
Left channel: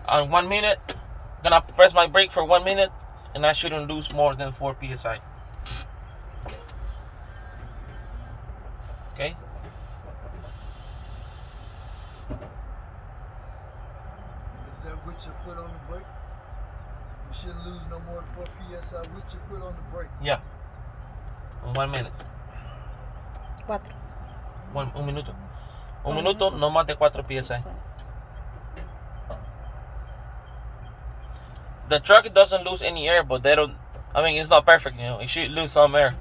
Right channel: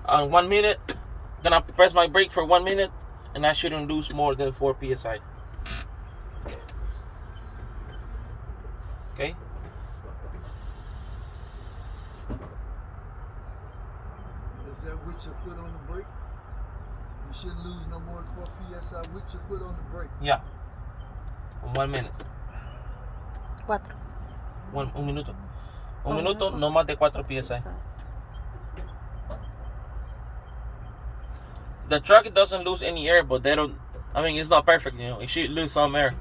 On 1 minute, gonna press my brake for 1 minute, and I shouldn't lose more than 4 psi. Okay. Is that with your foot on the brake? You shouldn't lose no more than 4 psi with your foot on the brake. Yeah. In 1 minute. 4. Un minuto. Un minuto, no más de 4 psi. The truck doesn't lose any air, but they don't. I mean, it's not perfect, you know. It should lose some air.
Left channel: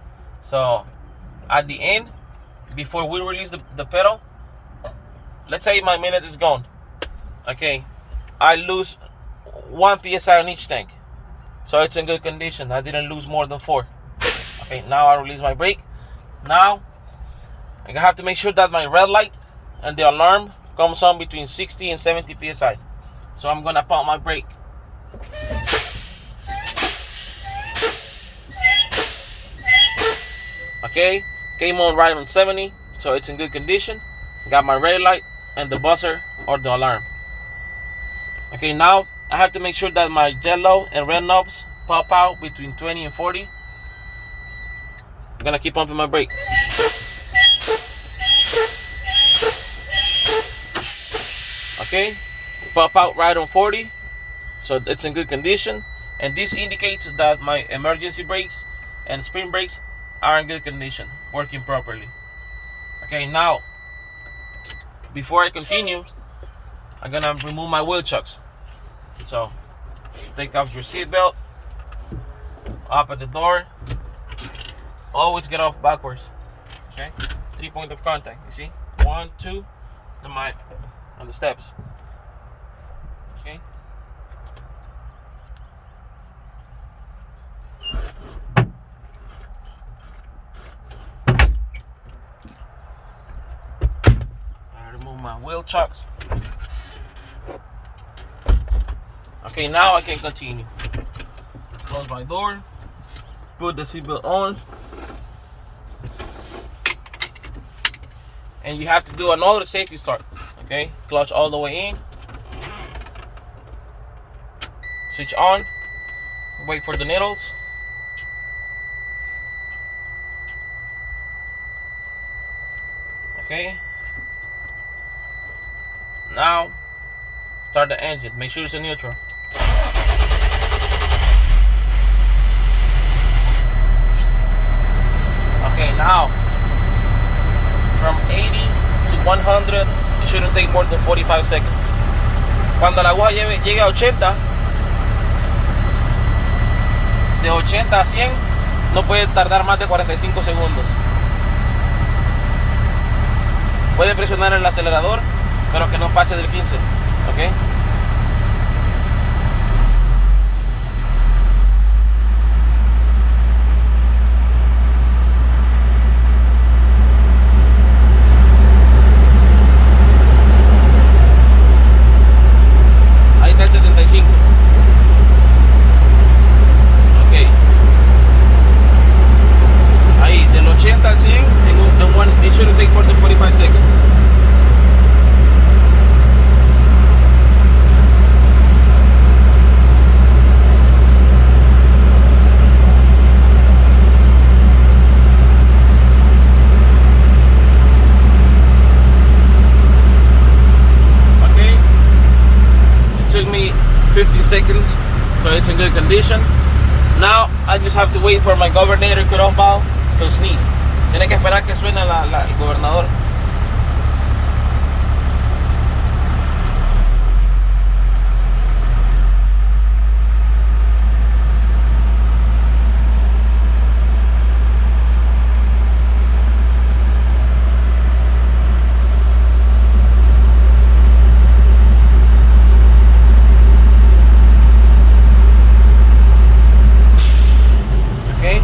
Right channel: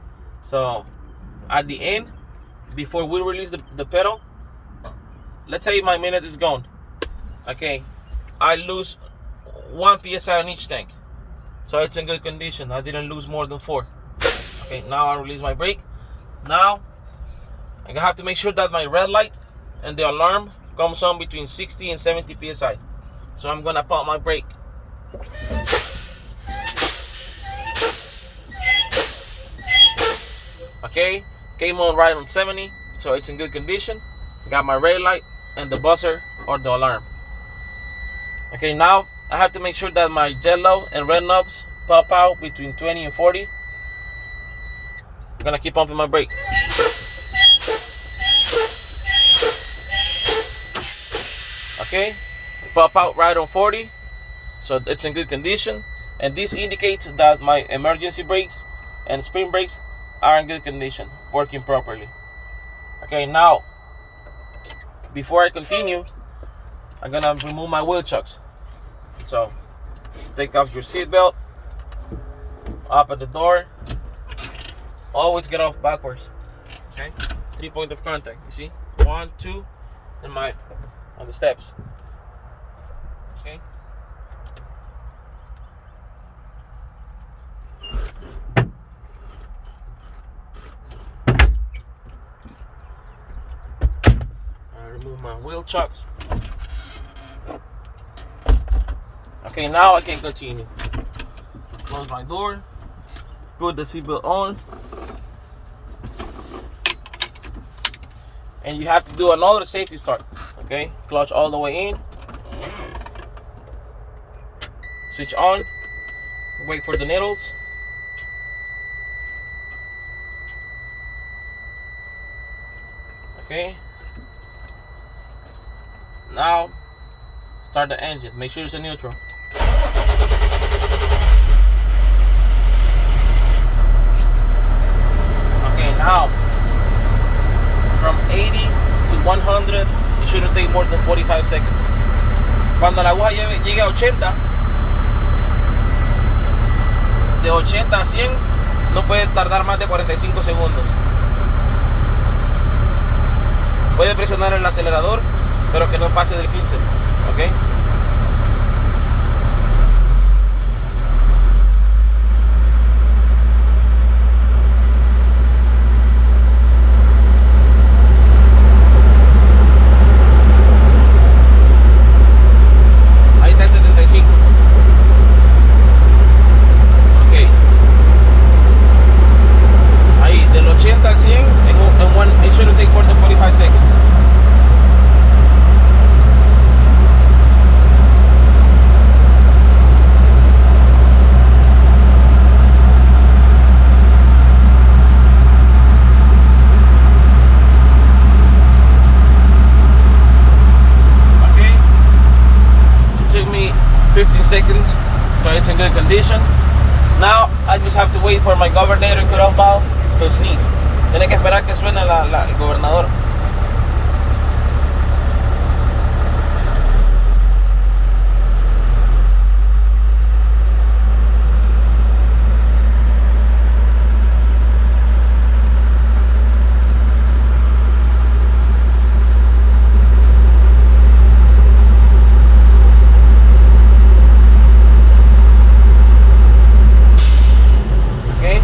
So, at the end, before we release the pedal, let's say my minute is gone. Okay, I lose 1 psi on each tank, so it's in good condition. I didn't lose more than 4. Okay, now I release my brake. Now, I have to make sure that my red light and the alarm comes on between 60 and 70 psi. So I'm gonna pump my brake. Okay, came on right on 70, so it's in good condition. Got my red light and the buzzer or the alarm. Okay, now I have to make sure that my yellow and red knobs pop out between 20 and 40. I'm gonna keep pumping my brake. Okay, pop out right on 40, so it's in good condition. And this indicates that my emergency brakes and spring brakes are in good condition, working properly. Okay, now before I continue, I'm gonna remove my wheel chucks. So take off your seatbelt, open the door, always get off backwards. Okay, 3 points of contact. You see, 1, 2, and my on the steps. Okay. I remove my wheel chucks. Okay, now I can continue. Close my door, put the seatbelt on, and you have to do another safety start. Okay, clutch all the way in, switch on, wait for the needles. Okay, now start the engine, make sure it's in neutral. Okay, now from 80 to 100 it shouldn't take more than 45 seconds. Cuando la aguja llegue a 80, de 80 a 100 no puede tardar más de 45 segundos. Puede presionar el acelerador, pero que no pase del 15. ¿Ok? Ahí está el 75. Ok. Ahí, del 80 al 100, it shouldn't take more than 45 seconds. Okay. It took me 15 seconds, so it's in good condition. Now I just have to wait for my Alternator cutoff valve to sneeze. Tiene que esperar que suene el gobernador. Okay.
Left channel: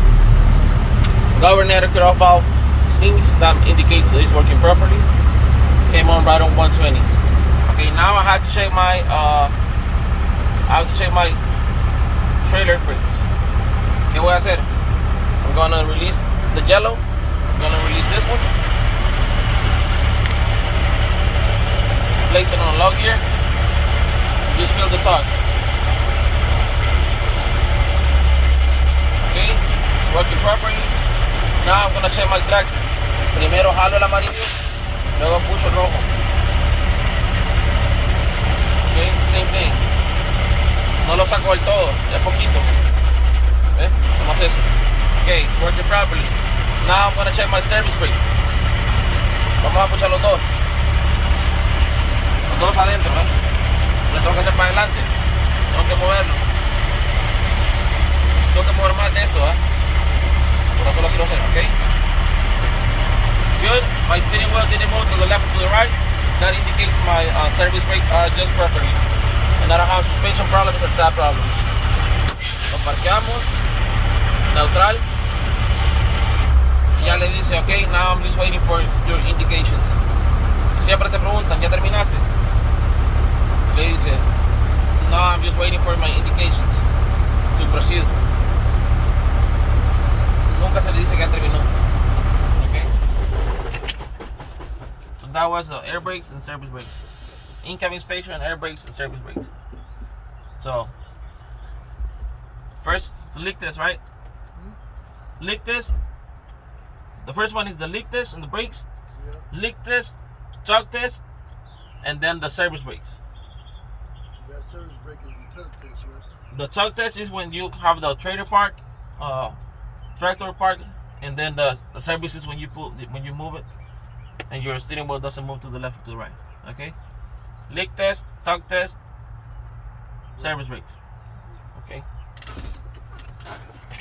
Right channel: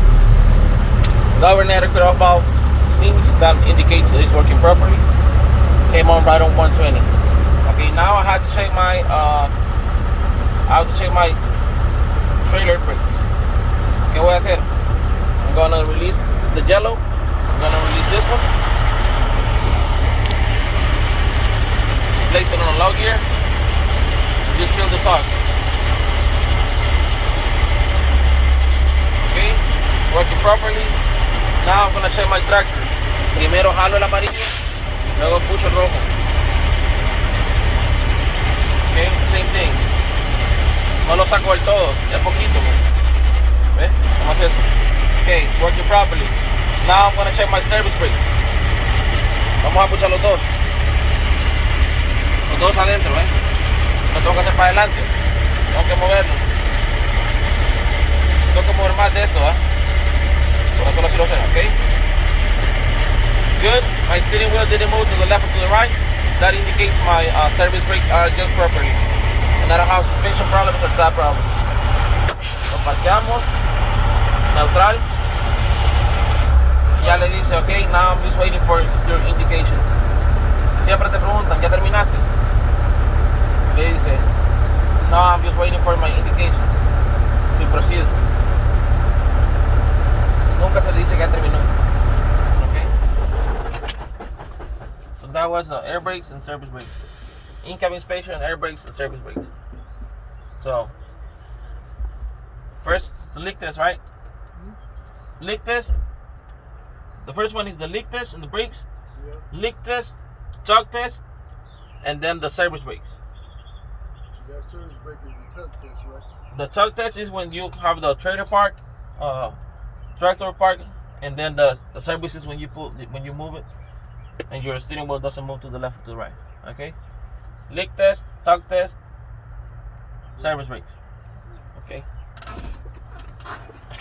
Alternator cutoff valve sneeze, that indicates it's working properly. Came on right on 120. Okay, now I have to check my trailer brakes. ¿Qué voy a hacer? I'm gonna release the yellow. I'm gonna release this one. Place it on a low gear. Just feel the torque. Okay, working properly. Now I'm gonna check my tractor. Primero jalo el amarillo, luego puso el rojo. Okay, same thing. No lo saco del todo, es poquito. ¿Ves? ¿Cómo es eso? Okay, it's working properly. Now I'm gonna check my service brakes. Vamos a puchar los dos. Los dos adentro, ¿eh? No tengo que hacer para adelante. Tengo que moverlo. Tengo que mover más de esto, ¿eh? Por eso lo así lo sé, ¿ok? Good. My steering wheel didn't move to the left or to the right. That indicates my service brakes are just properly. And I don't have suspension problems or tap problems. Lo parqueamos. Neutral. Ya le dice, ok, now I'm just waiting for your indications. Siempre te preguntan, ¿ya terminaste? Le dice, no, I'm just waiting for my indications to proceed. Nunca se le dice que ya terminó. that was air brakes and service brakes. In-cabin inspection, air brakes and service brakes. So first the leak test, right? Leak test. The first one is the leak test in the brakes. Yeah. Leak test, choke test, and then the service brakes. That service brake is the tug test, right? The choke test is when you have the trailer park, tractor park, and then the service is when you move it, and your steering wheel doesn't move to the left or to the right. Okay. Leak test, choke test, service brakes. Okay.